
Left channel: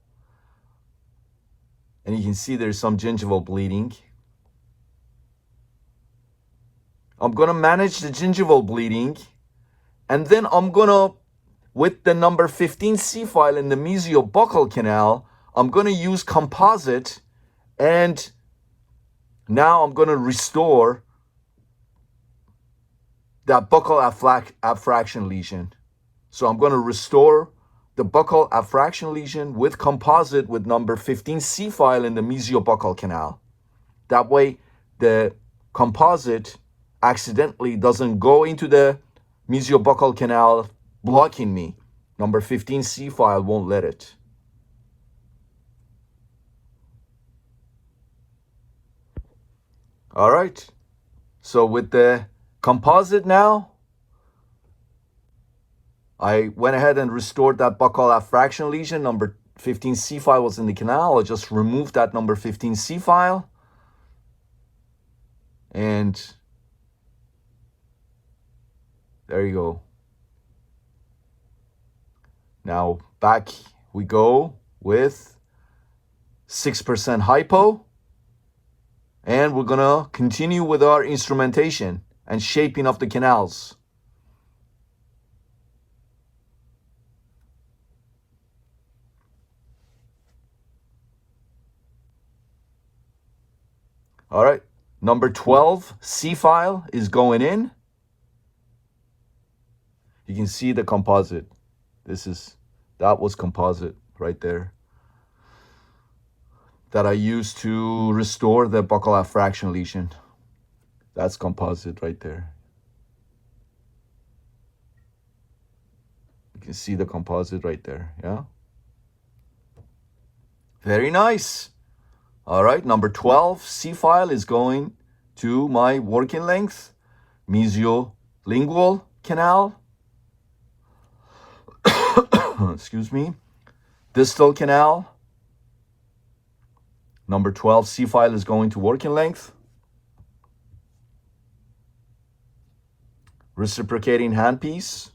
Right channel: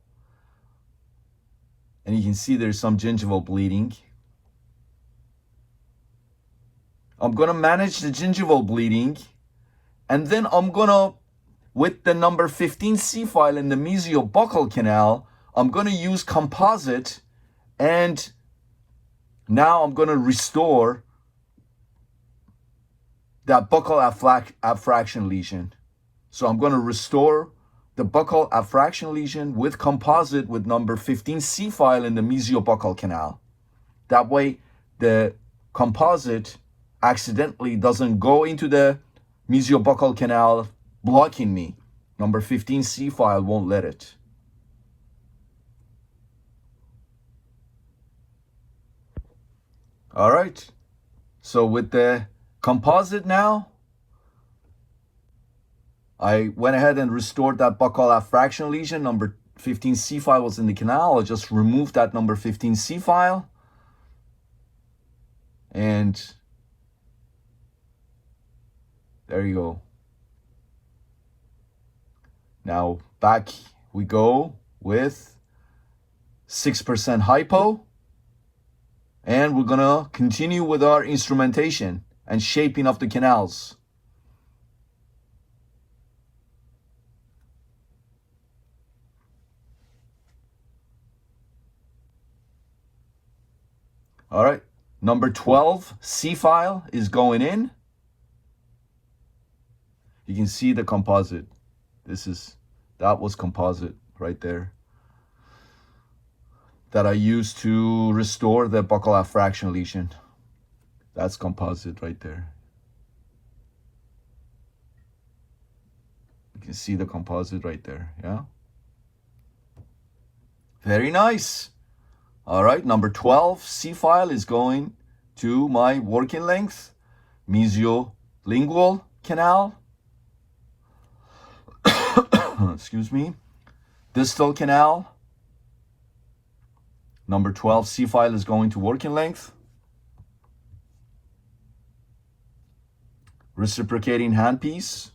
And you can see there's some gingival bleeding. I'm going to manage the gingival bleeding. And then I'm going to, with the number 15C file in the mesiobuccal canal, I'm going to use composite. And now I'm going to restore that buccal affraction lesion. So I'm going to restore the buccal affraction lesion with composite with number 15C file in the mesiobuccal canal. That way the composite accidentally doesn't go into the mesiobuccal canal blocking me. Number 15C file won't let it. All right. So with the composite now, I went ahead and restored that buccal affraction lesion. Number 15C file was in the canal. I just removed that number 15C file. And There you go. Now back we go with 6% hypo. And we're gonna continue with our instrumentation and shaping of the canals. All right, number 12 C file is going in. You can see the composite. That was composite right there that I used to restore the buccal fraction lesion. That's composite right there. You can see the composite right there, yeah? Very nice. All right, number 12 C file is going to my working length, mesiolingual canal, excuse me, distal canal. Number 12 C file is going to working length. Reciprocating handpiece.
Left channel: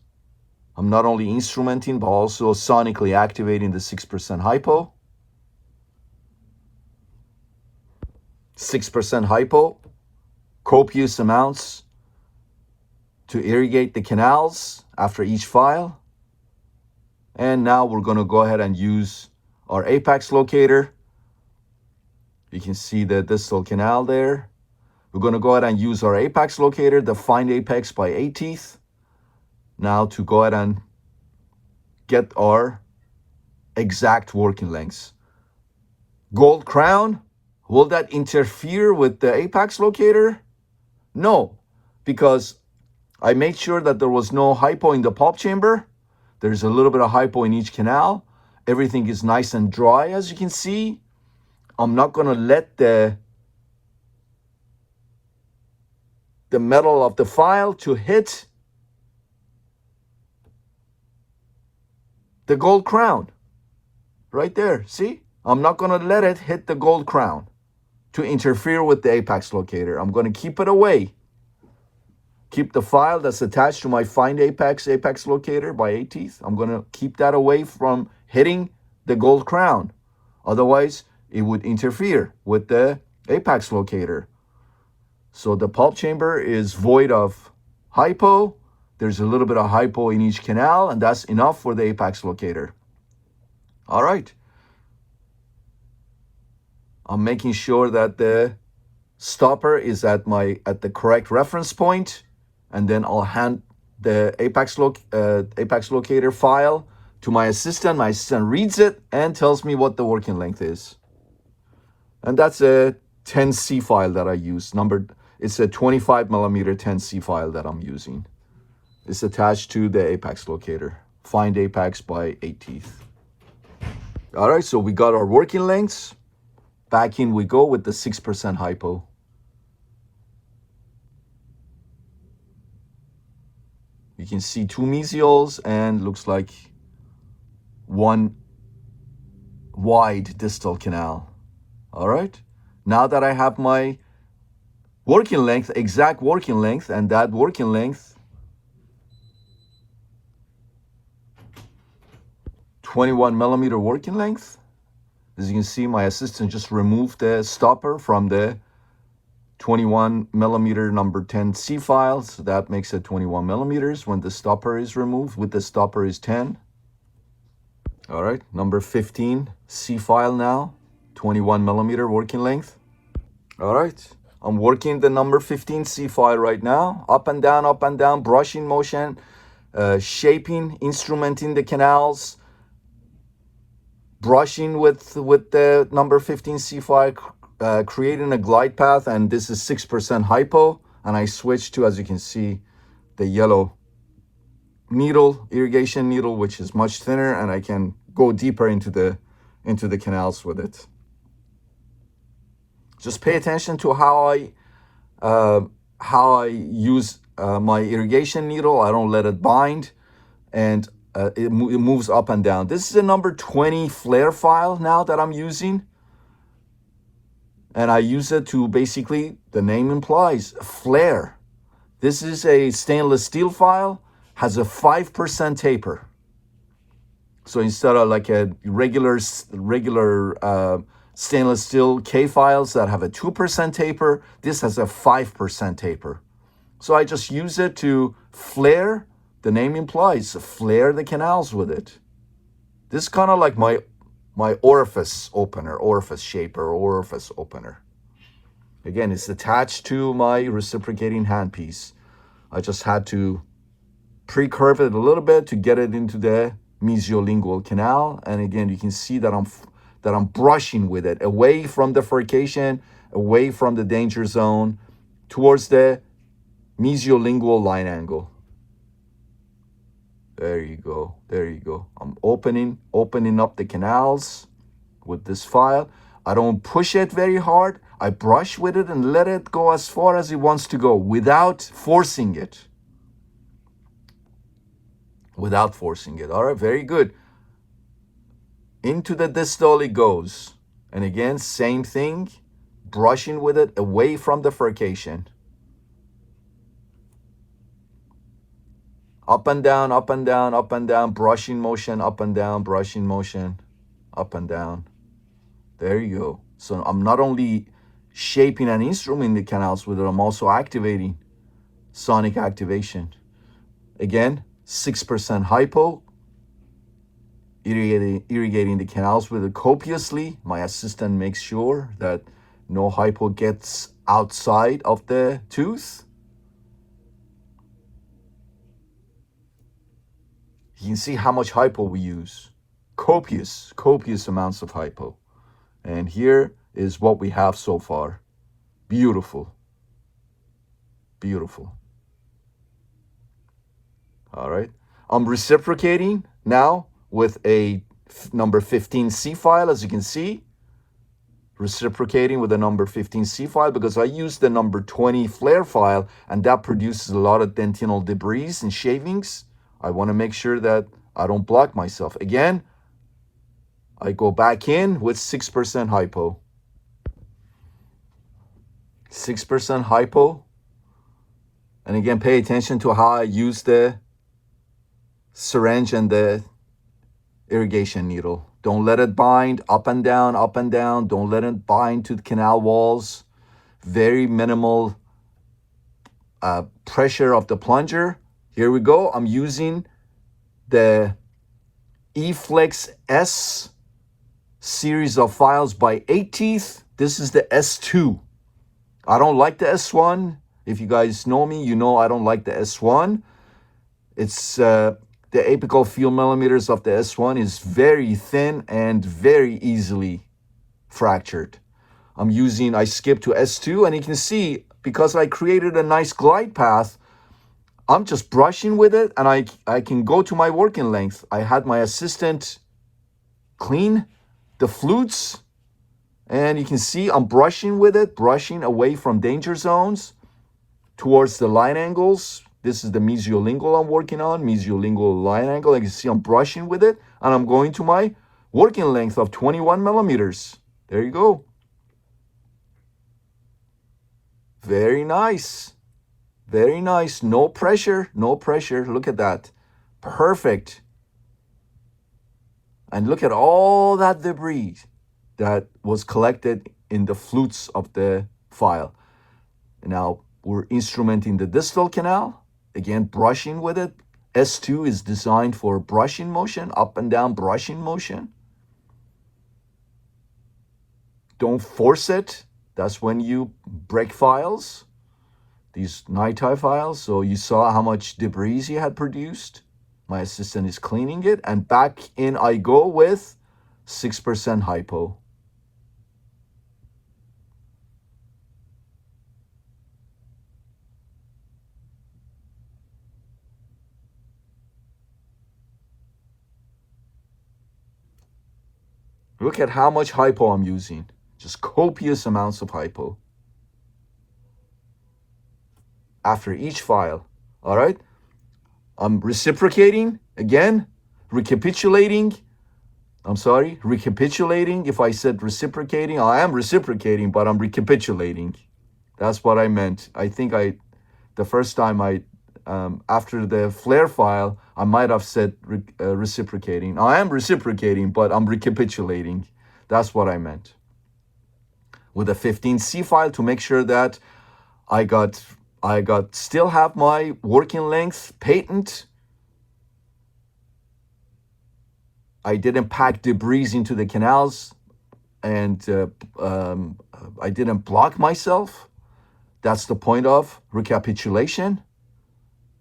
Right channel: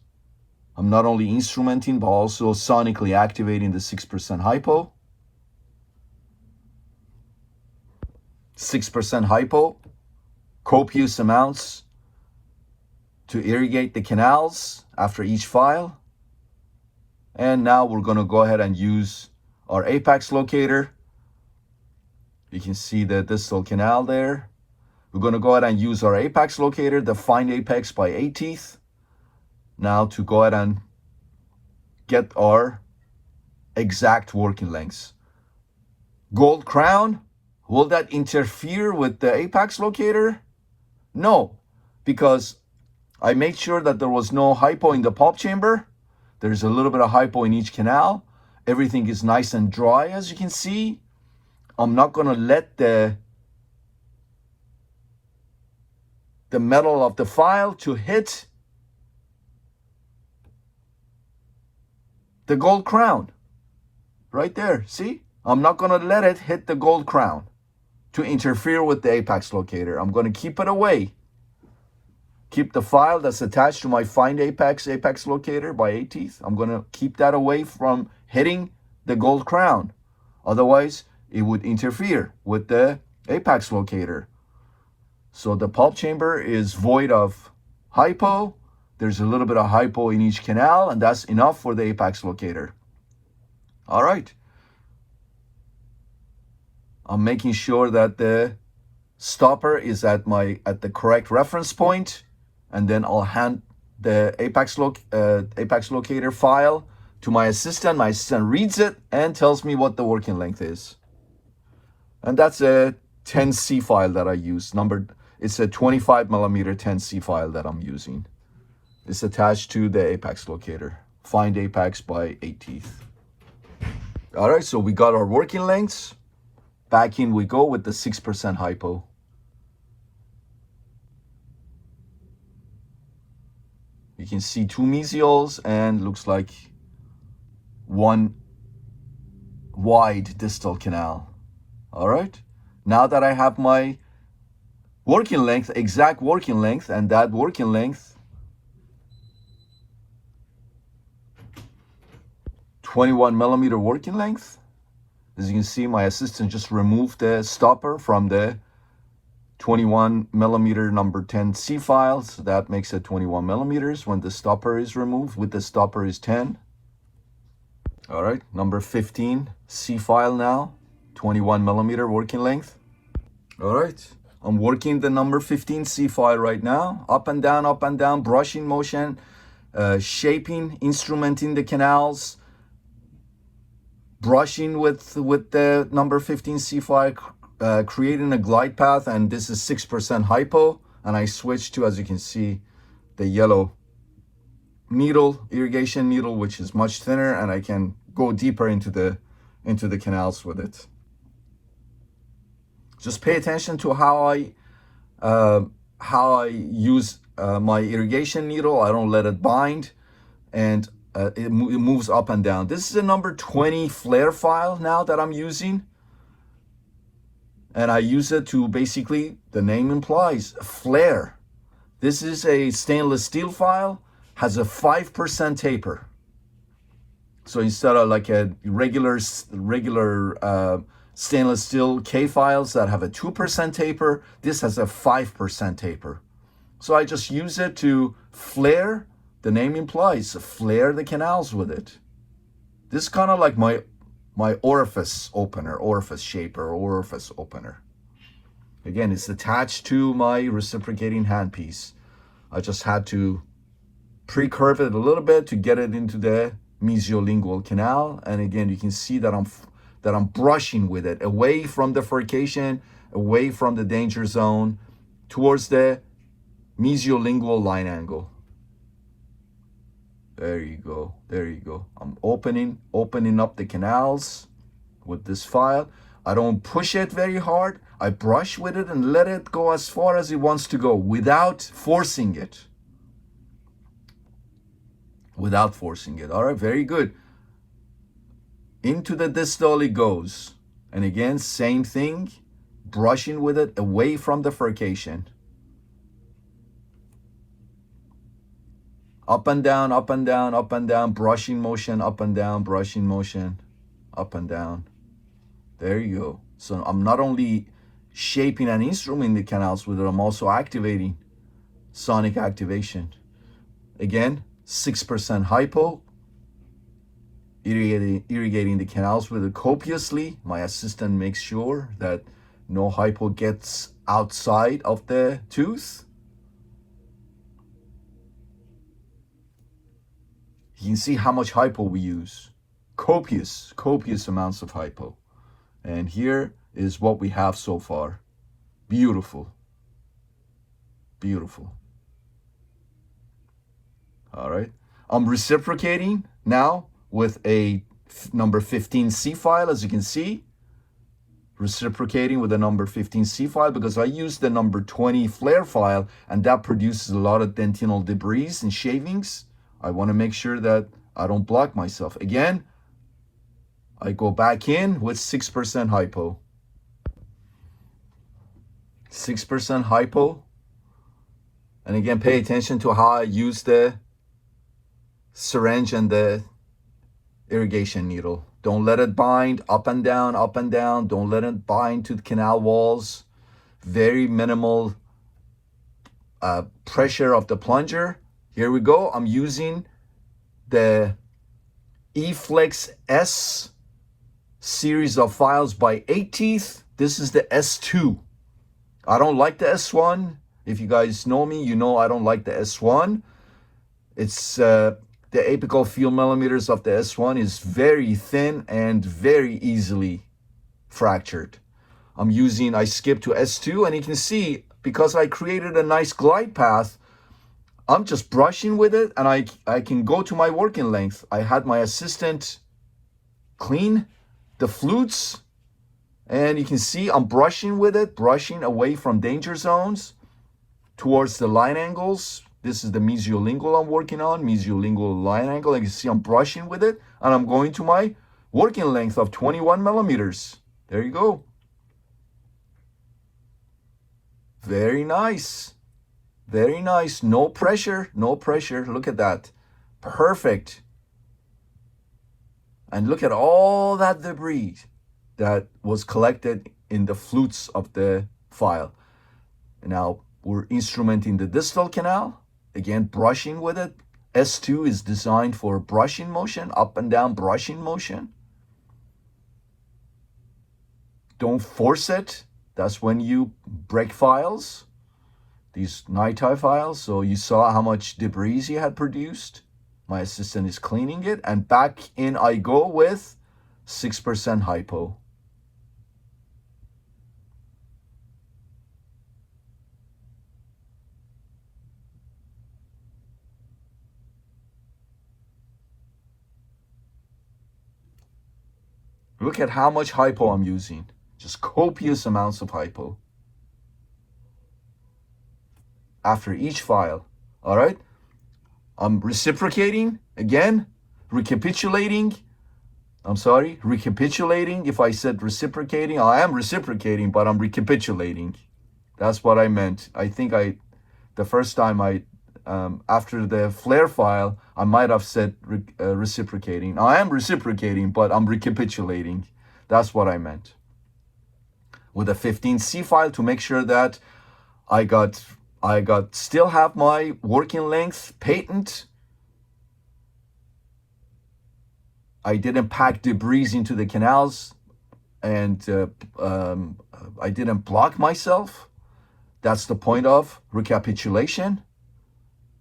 I'm not only instrumenting, but also sonically activating the 6% hypo. 6% hypo, copious amounts to irrigate the canals after each file. And now we're going to go ahead and use our apex locator. You can see the distal canal there. We're going to go ahead and use our apex locator, the find apex by 8 teeth. Now to go ahead and get our exact working lengths. Gold crown. Will that interfere with the apex locator? No, because I made sure that there was no hypo in the pulp chamber. There's a little bit of hypo in each canal. Everything is nice and dry, as you can see. I'm not going to let the metal of the file to hit the gold crown. Right there, see? I'm not going to let it hit the gold crown to interfere with the apex locator. I'm going to keep it away. Keep the file that's attached to my find apex locator by 8 teeth. I'm going to keep that away from hitting the gold crown. Otherwise, it would interfere with the apex locator. So the pulp chamber is void of hypo. There's a little bit of hypo in each canal, and that's enough for the apex locator. All right. I'm making sure that the stopper is at the correct reference point, and then I'll hand the apex locator file to my assistant. My assistant reads it and tells me what the working length is. And that's a 10C file that I use. It's a 25 millimeter 10C file that I'm using. It's attached to the apex locator. Find apex by 8 teeth. All right, so we got our working lengths. Back in we go with the 6% hypo. You can see 2 mesials and looks like 1 wide distal canal. All right. Now that I have my working length, exact working length, and that working length, 21 millimeter working length. As you can see, my assistant just removed the stopper from the 21 millimeter number 10C file. So that makes it 21 millimeters when the stopper is removed. With the stopper is 10. All right, number 15 C file now, 21 millimeter working length. All right, I'm working the number 15 C file right now. Up and down, brushing motion, shaping, instrumenting the canals, brushing with the number 15 C file, creating a glide path, and this is 6% hypo, and I switched to, as you can see, the yellow needle, irrigation needle, which is much thinner, and I can go deeper into the canals with it. Just pay attention to how I use my irrigation needle. I don't let it bind, and it moves up and down. This is a number 20 flare file now that I'm using. And I use it to basically, the name implies, flare. This is a stainless steel file, has a 5% taper. So instead of like a regular stainless steel K files that have a 2% taper, this has a 5% taper. So I just use it to flare, the name implies, flare the canals with it. This is kind of like my orifice opener, orifice shaper, orifice opener. Again, it's attached to my reciprocating handpiece. I just had to pre-curve it a little bit to get it into the mesiolingual canal. And again, you can see that I'm brushing with it away from the furcation, away from the danger zone, towards the mesiolingual line angle. There you go. There you go. I'm opening up the canals with this file. I don't push it very hard. I brush with it and let it go as far as it wants to go without forcing it. Without forcing it. All right, very good. Into the distal it goes. And again, same thing. Brushing with it away from the furcation. Up and down, up and down, up and down, brushing motion, up and down, brushing motion, up and down. There you go. So I'm not only shaping and instrumenting the canals with it, I'm also activating sonic activation. Again, 6% hypo, irrigating the canals with it copiously. My assistant makes sure that no hypo gets outside of the tooth. You can see how much hypo we use. Copious amounts of hypo. And here is what we have so far. Beautiful. Beautiful. All right. I'm reciprocating now with a number 15C file, as you can see. Reciprocating with a number 15C file because I use the number 20 flare file, and that produces a lot of dentinal debris and shavings. I want to make sure that I don't block myself. Again, I go back in with 6% hypo. 6% hypo. And again, pay attention to how I use the syringe and the irrigation needle. Don't let it bind up and down, up and down. Don't let it bind to the canal walls. Very minimal pressure of the plunger. Here we go. I'm using the E-Flex S series of files by 8 Teeth. This is the S2. I don't like the S1. If you guys know me, you know I don't like the S1. It's the apical field millimeters of the S1 is very thin and very easily fractured. I skipped to S2, and you can see because I created a nice glide path, I'm just brushing with it, and I can go to my working length. I had my assistant clean the flutes, and you can see I'm brushing with it, brushing away from danger zones towards the line angles. This is the mesiolingual I'm working on, mesiolingual line angle. You can see I'm brushing with it, and I'm going to my working length of 21 millimeters. There you go. Very nice. Very nice. No pressure. No pressure. Look at that. Perfect. And look at all that debris that was collected in the flutes of the file. Now we're instrumenting the distal canal. Again, brushing with it. S2 is designed for brushing motion, up and down brushing motion. Don't force it. That's when you break files. These nighttime files. So you saw how much debris you had produced. My assistant is cleaning it, and back in I go with 6% hypo. Look at how much hypo I'm using. Just copious amounts of hypo. After each file, all right? I'm reciprocating, again, recapitulating. Recapitulating. If I said reciprocating, I am reciprocating, but I'm recapitulating. That's what I meant. I think the The first time after the flare file, I might have said reciprocating. I am reciprocating, but I'm recapitulating. That's what I meant. With a 15C file to make sure that I still have my working length patent. I didn't pack debris into the canals, and I didn't block myself. That's the point of recapitulation.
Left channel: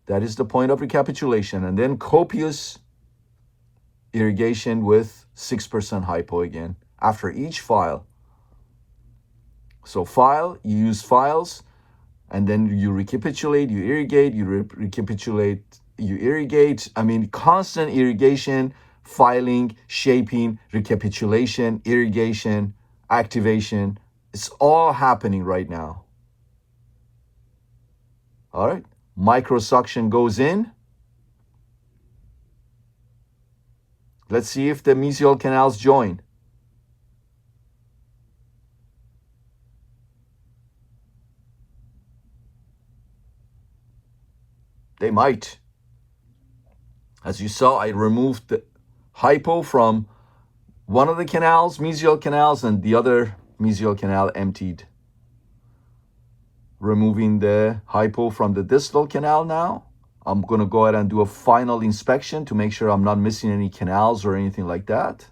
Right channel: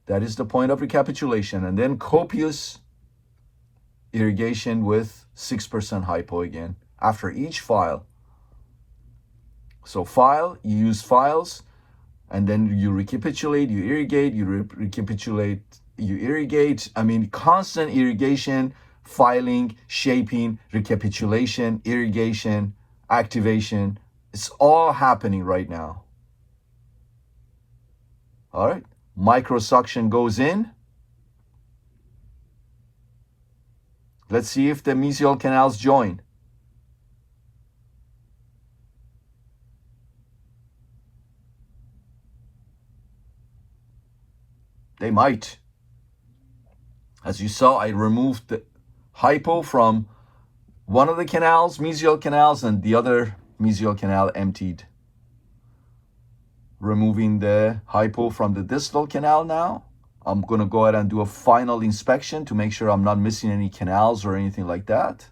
That is the point of recapitulation. And then copious irrigation with 6% hypo again after each file. So you use files, and then you recapitulate, you irrigate, you recapitulate, you irrigate. I mean, constant irrigation, filing, shaping, recapitulation, irrigation, activation. It's all happening right now. All right. Microsuction goes in. Let's see if the mesial canals join. They might. As you saw, I removed the hypo from one of the canals, mesial canals, and the other mesial canal emptied. Removing the hypo from the distal canal now. I'm going to go ahead and do a final inspection to make sure I'm not missing any canals or anything like that.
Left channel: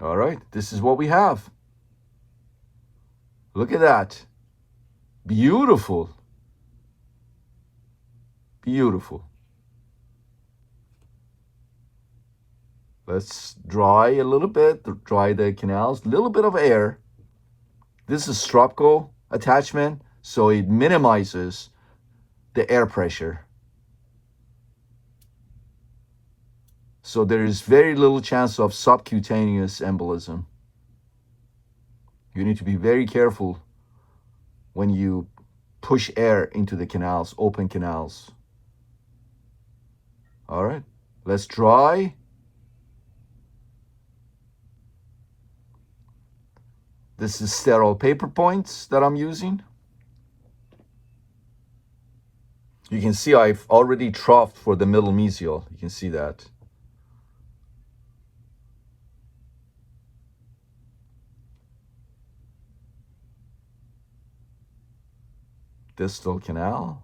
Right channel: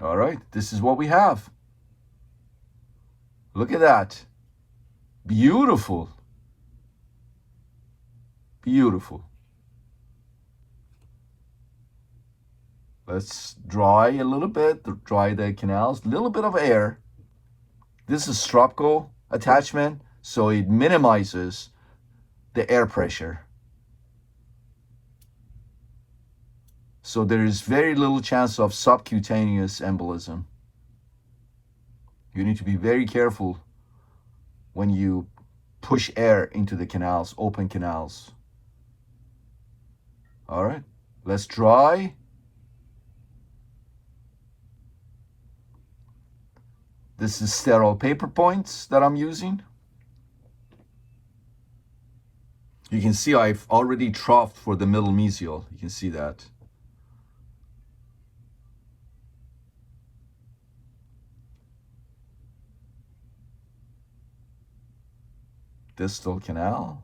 All right, this is what we have. Look at that. Beautiful. Beautiful. Let's dry a little bit, dry the canals, a little bit of air. This is Stropco attachment, so it minimizes the air pressure. So there is very little chance of subcutaneous embolism. You need to be very careful when you push air into the canals, open canals. All right, let's dry. This is sterile paper points that I'm using. You can see I've already troughed for the middle mesial. You can see that. Distal canal.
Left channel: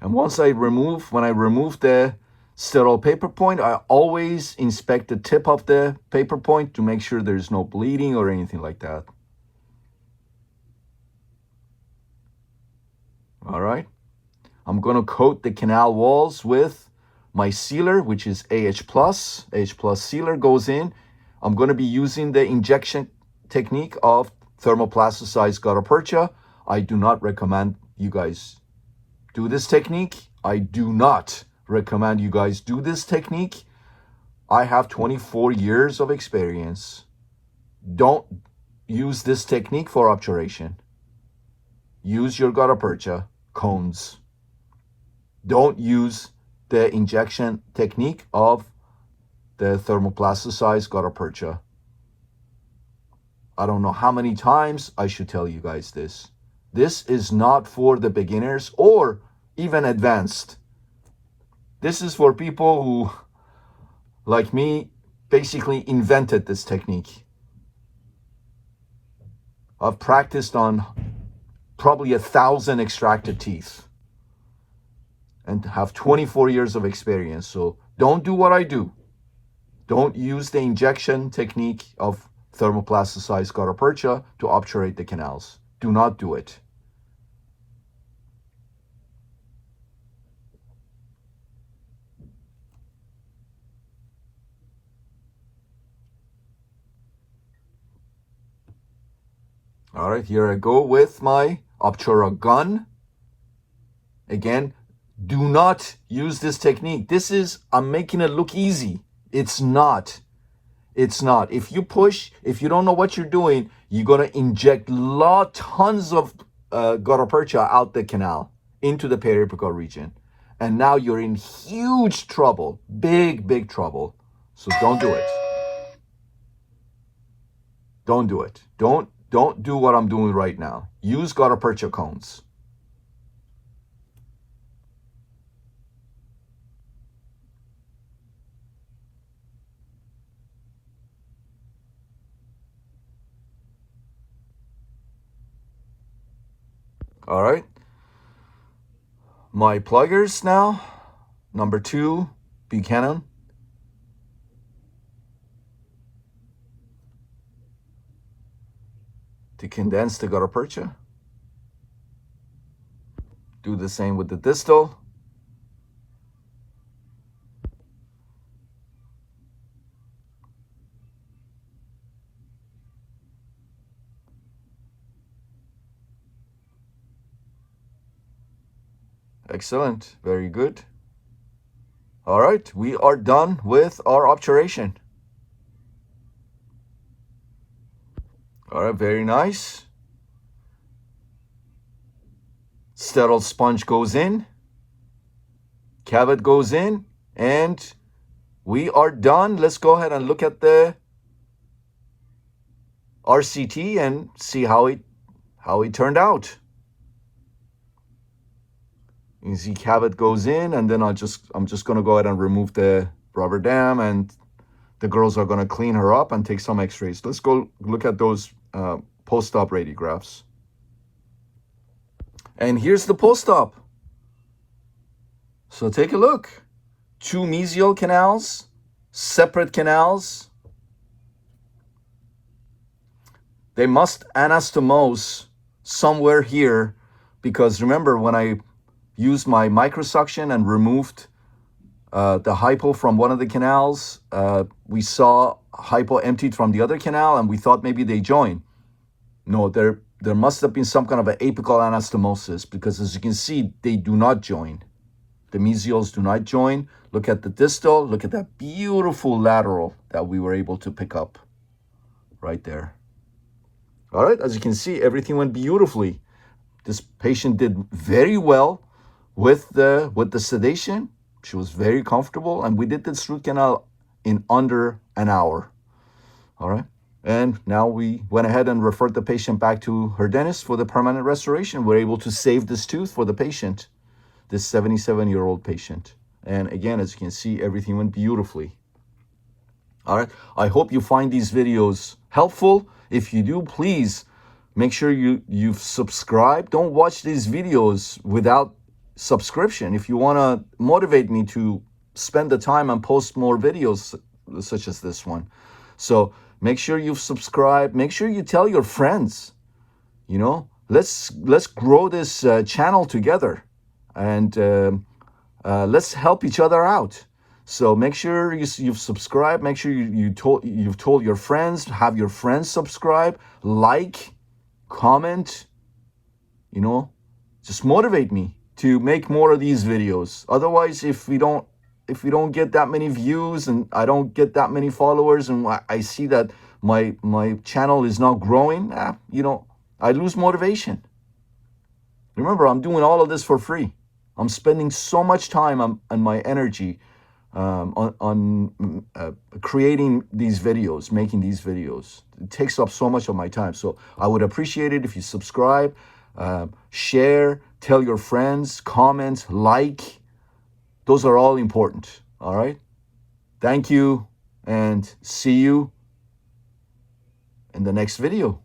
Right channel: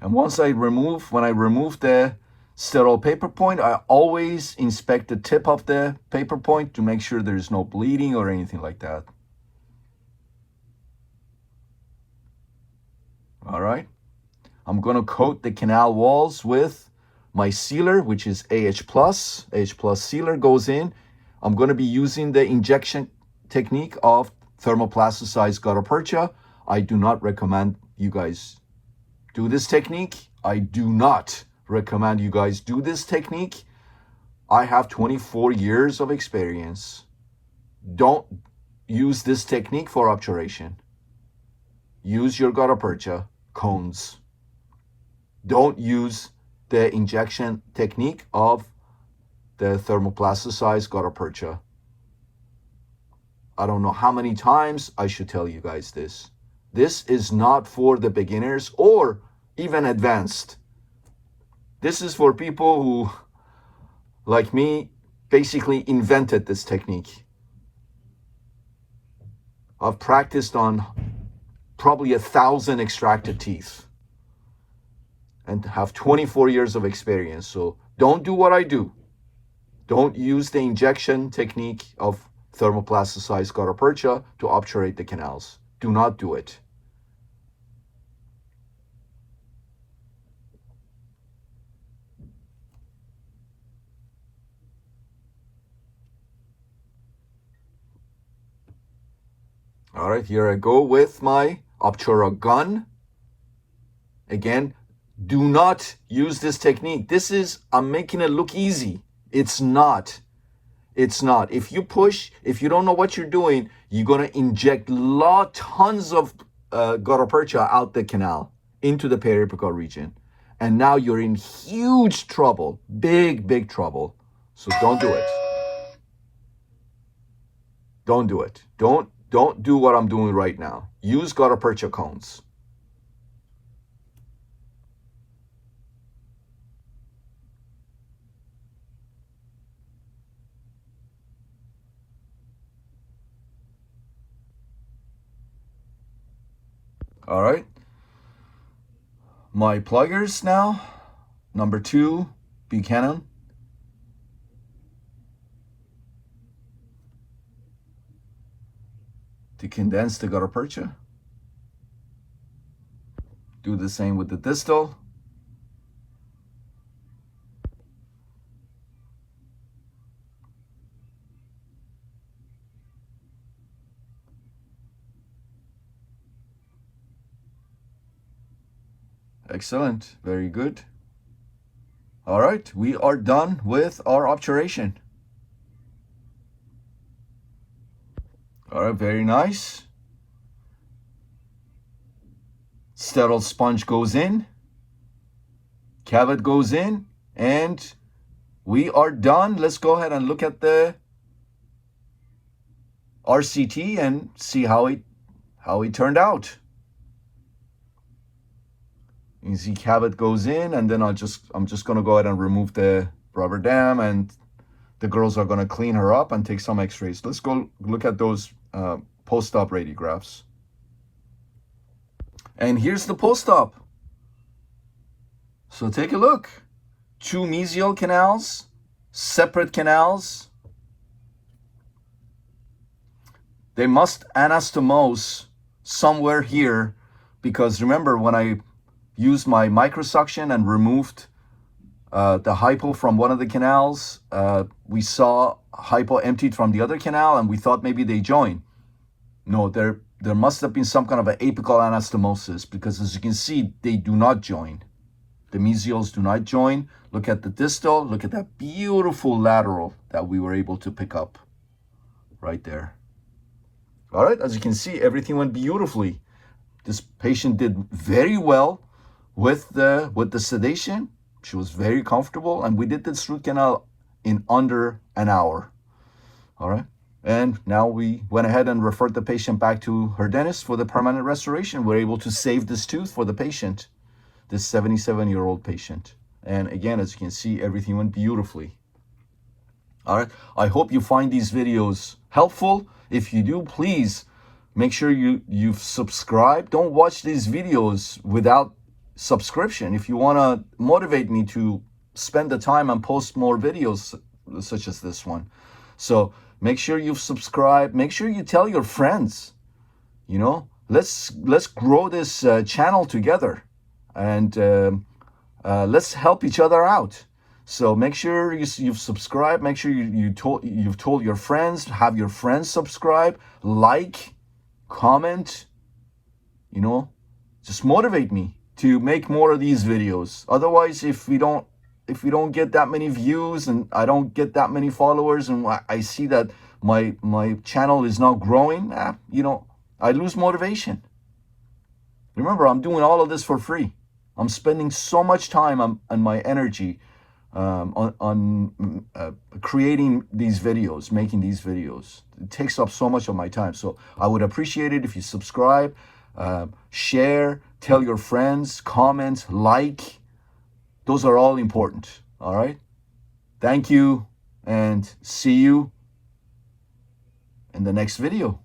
And when I remove the sterile paper point, I always inspect the tip of the paper point to make sure there's no bleeding or anything like that. All right. I'm going to coat the canal walls with my sealer, which is AH+. AH+ sealer goes in. I'm going to be using the injection technique of thermoplasticized gutta percha. I do not recommend you guys do this technique. I do not recommend you guys do this technique. I have 24 years of experience. Don't use this technique for obturation. Use your gutta percha cones. Don't use the injection technique of the thermoplasticized gutta percha. I don't know how many times I should tell you guys this. This is not for the beginners or even advanced. This is for people who, like me, basically invented this technique. I've practiced on probably 1,000 extracted teeth and have 24 years of experience. So don't do what I do. Don't use the injection technique of thermoplasticized gutta percha to obturate the canals. Do not do it. All right, here I go with my obtura gun. Again, do not use this technique. I'm making it look easy. It's not. It's not. If you push, if you don't know what you're doing, you're going to inject tons of gutta percha out the canal into the periapical region. And now you're in huge trouble, big trouble. So don't do it. Don't do it. Don't do what I'm doing right now. Use gutta percha cones. All right. My pluggers now. Number 2, Buchanan. To condense the gutta percha. Do the same with the distal. Excellent. Very good. All right, we are done with our obturation. All right, very nice. Sterile sponge goes in. Cavit goes in. And we are done. Let's go ahead and look at the RCT and see how it turned out. You see cavit goes in, and then I'm just going to go ahead and remove the rubber dam, and the girls are going to clean her up and take some x-rays. Let's go look at those post-op radiographs. And here's the post-op. So take a look. 2 mesial canals, separate canals. They must anastomose somewhere here, because remember when I used my microsuction and removed the hypo from one of the canals, we saw hypo emptied from the other canal, and we thought maybe they joined. No, there must have been some kind of an apical anastomosis, because as you can see, they do not join. The mesials do not join. Look at the distal. Look at that beautiful lateral that we were able to pick up right there. All right, as you can see, everything went beautifully. This patient did very well with the sedation. She was very comfortable, and we did this root canal in under an hour. All right, and now we went ahead and referred the patient back to her dentist for the permanent restoration. We're able to save this tooth for the patient, this 77-year-old patient. And again, as you can see, everything went beautifully. All right, I hope you find these videos helpful. If you do, please make sure you've subscribed. Don't watch these videos without subscription. If you want to motivate me to spend the time and post more videos such as this one. So make sure you've subscribed. Make sure you tell your friends. You know, let's grow this channel together, and let's help each other out. So make sure you've subscribed. Make sure you've told your friends. Have your friends subscribe, like, comment. You know, just motivate me to make more of these videos. Otherwise, if we don't get that many views and I don't get that many followers, and I see that my channel is not growing, you know, I lose motivation. Remember, I'm doing all of this for free. I'm spending so much time and my energy on creating these videos, making these videos. It takes up so much of my time. So I would appreciate it if you subscribe, share, tell your friends, comment, like. Those are all important. All right. Thank you, and see you in the next video.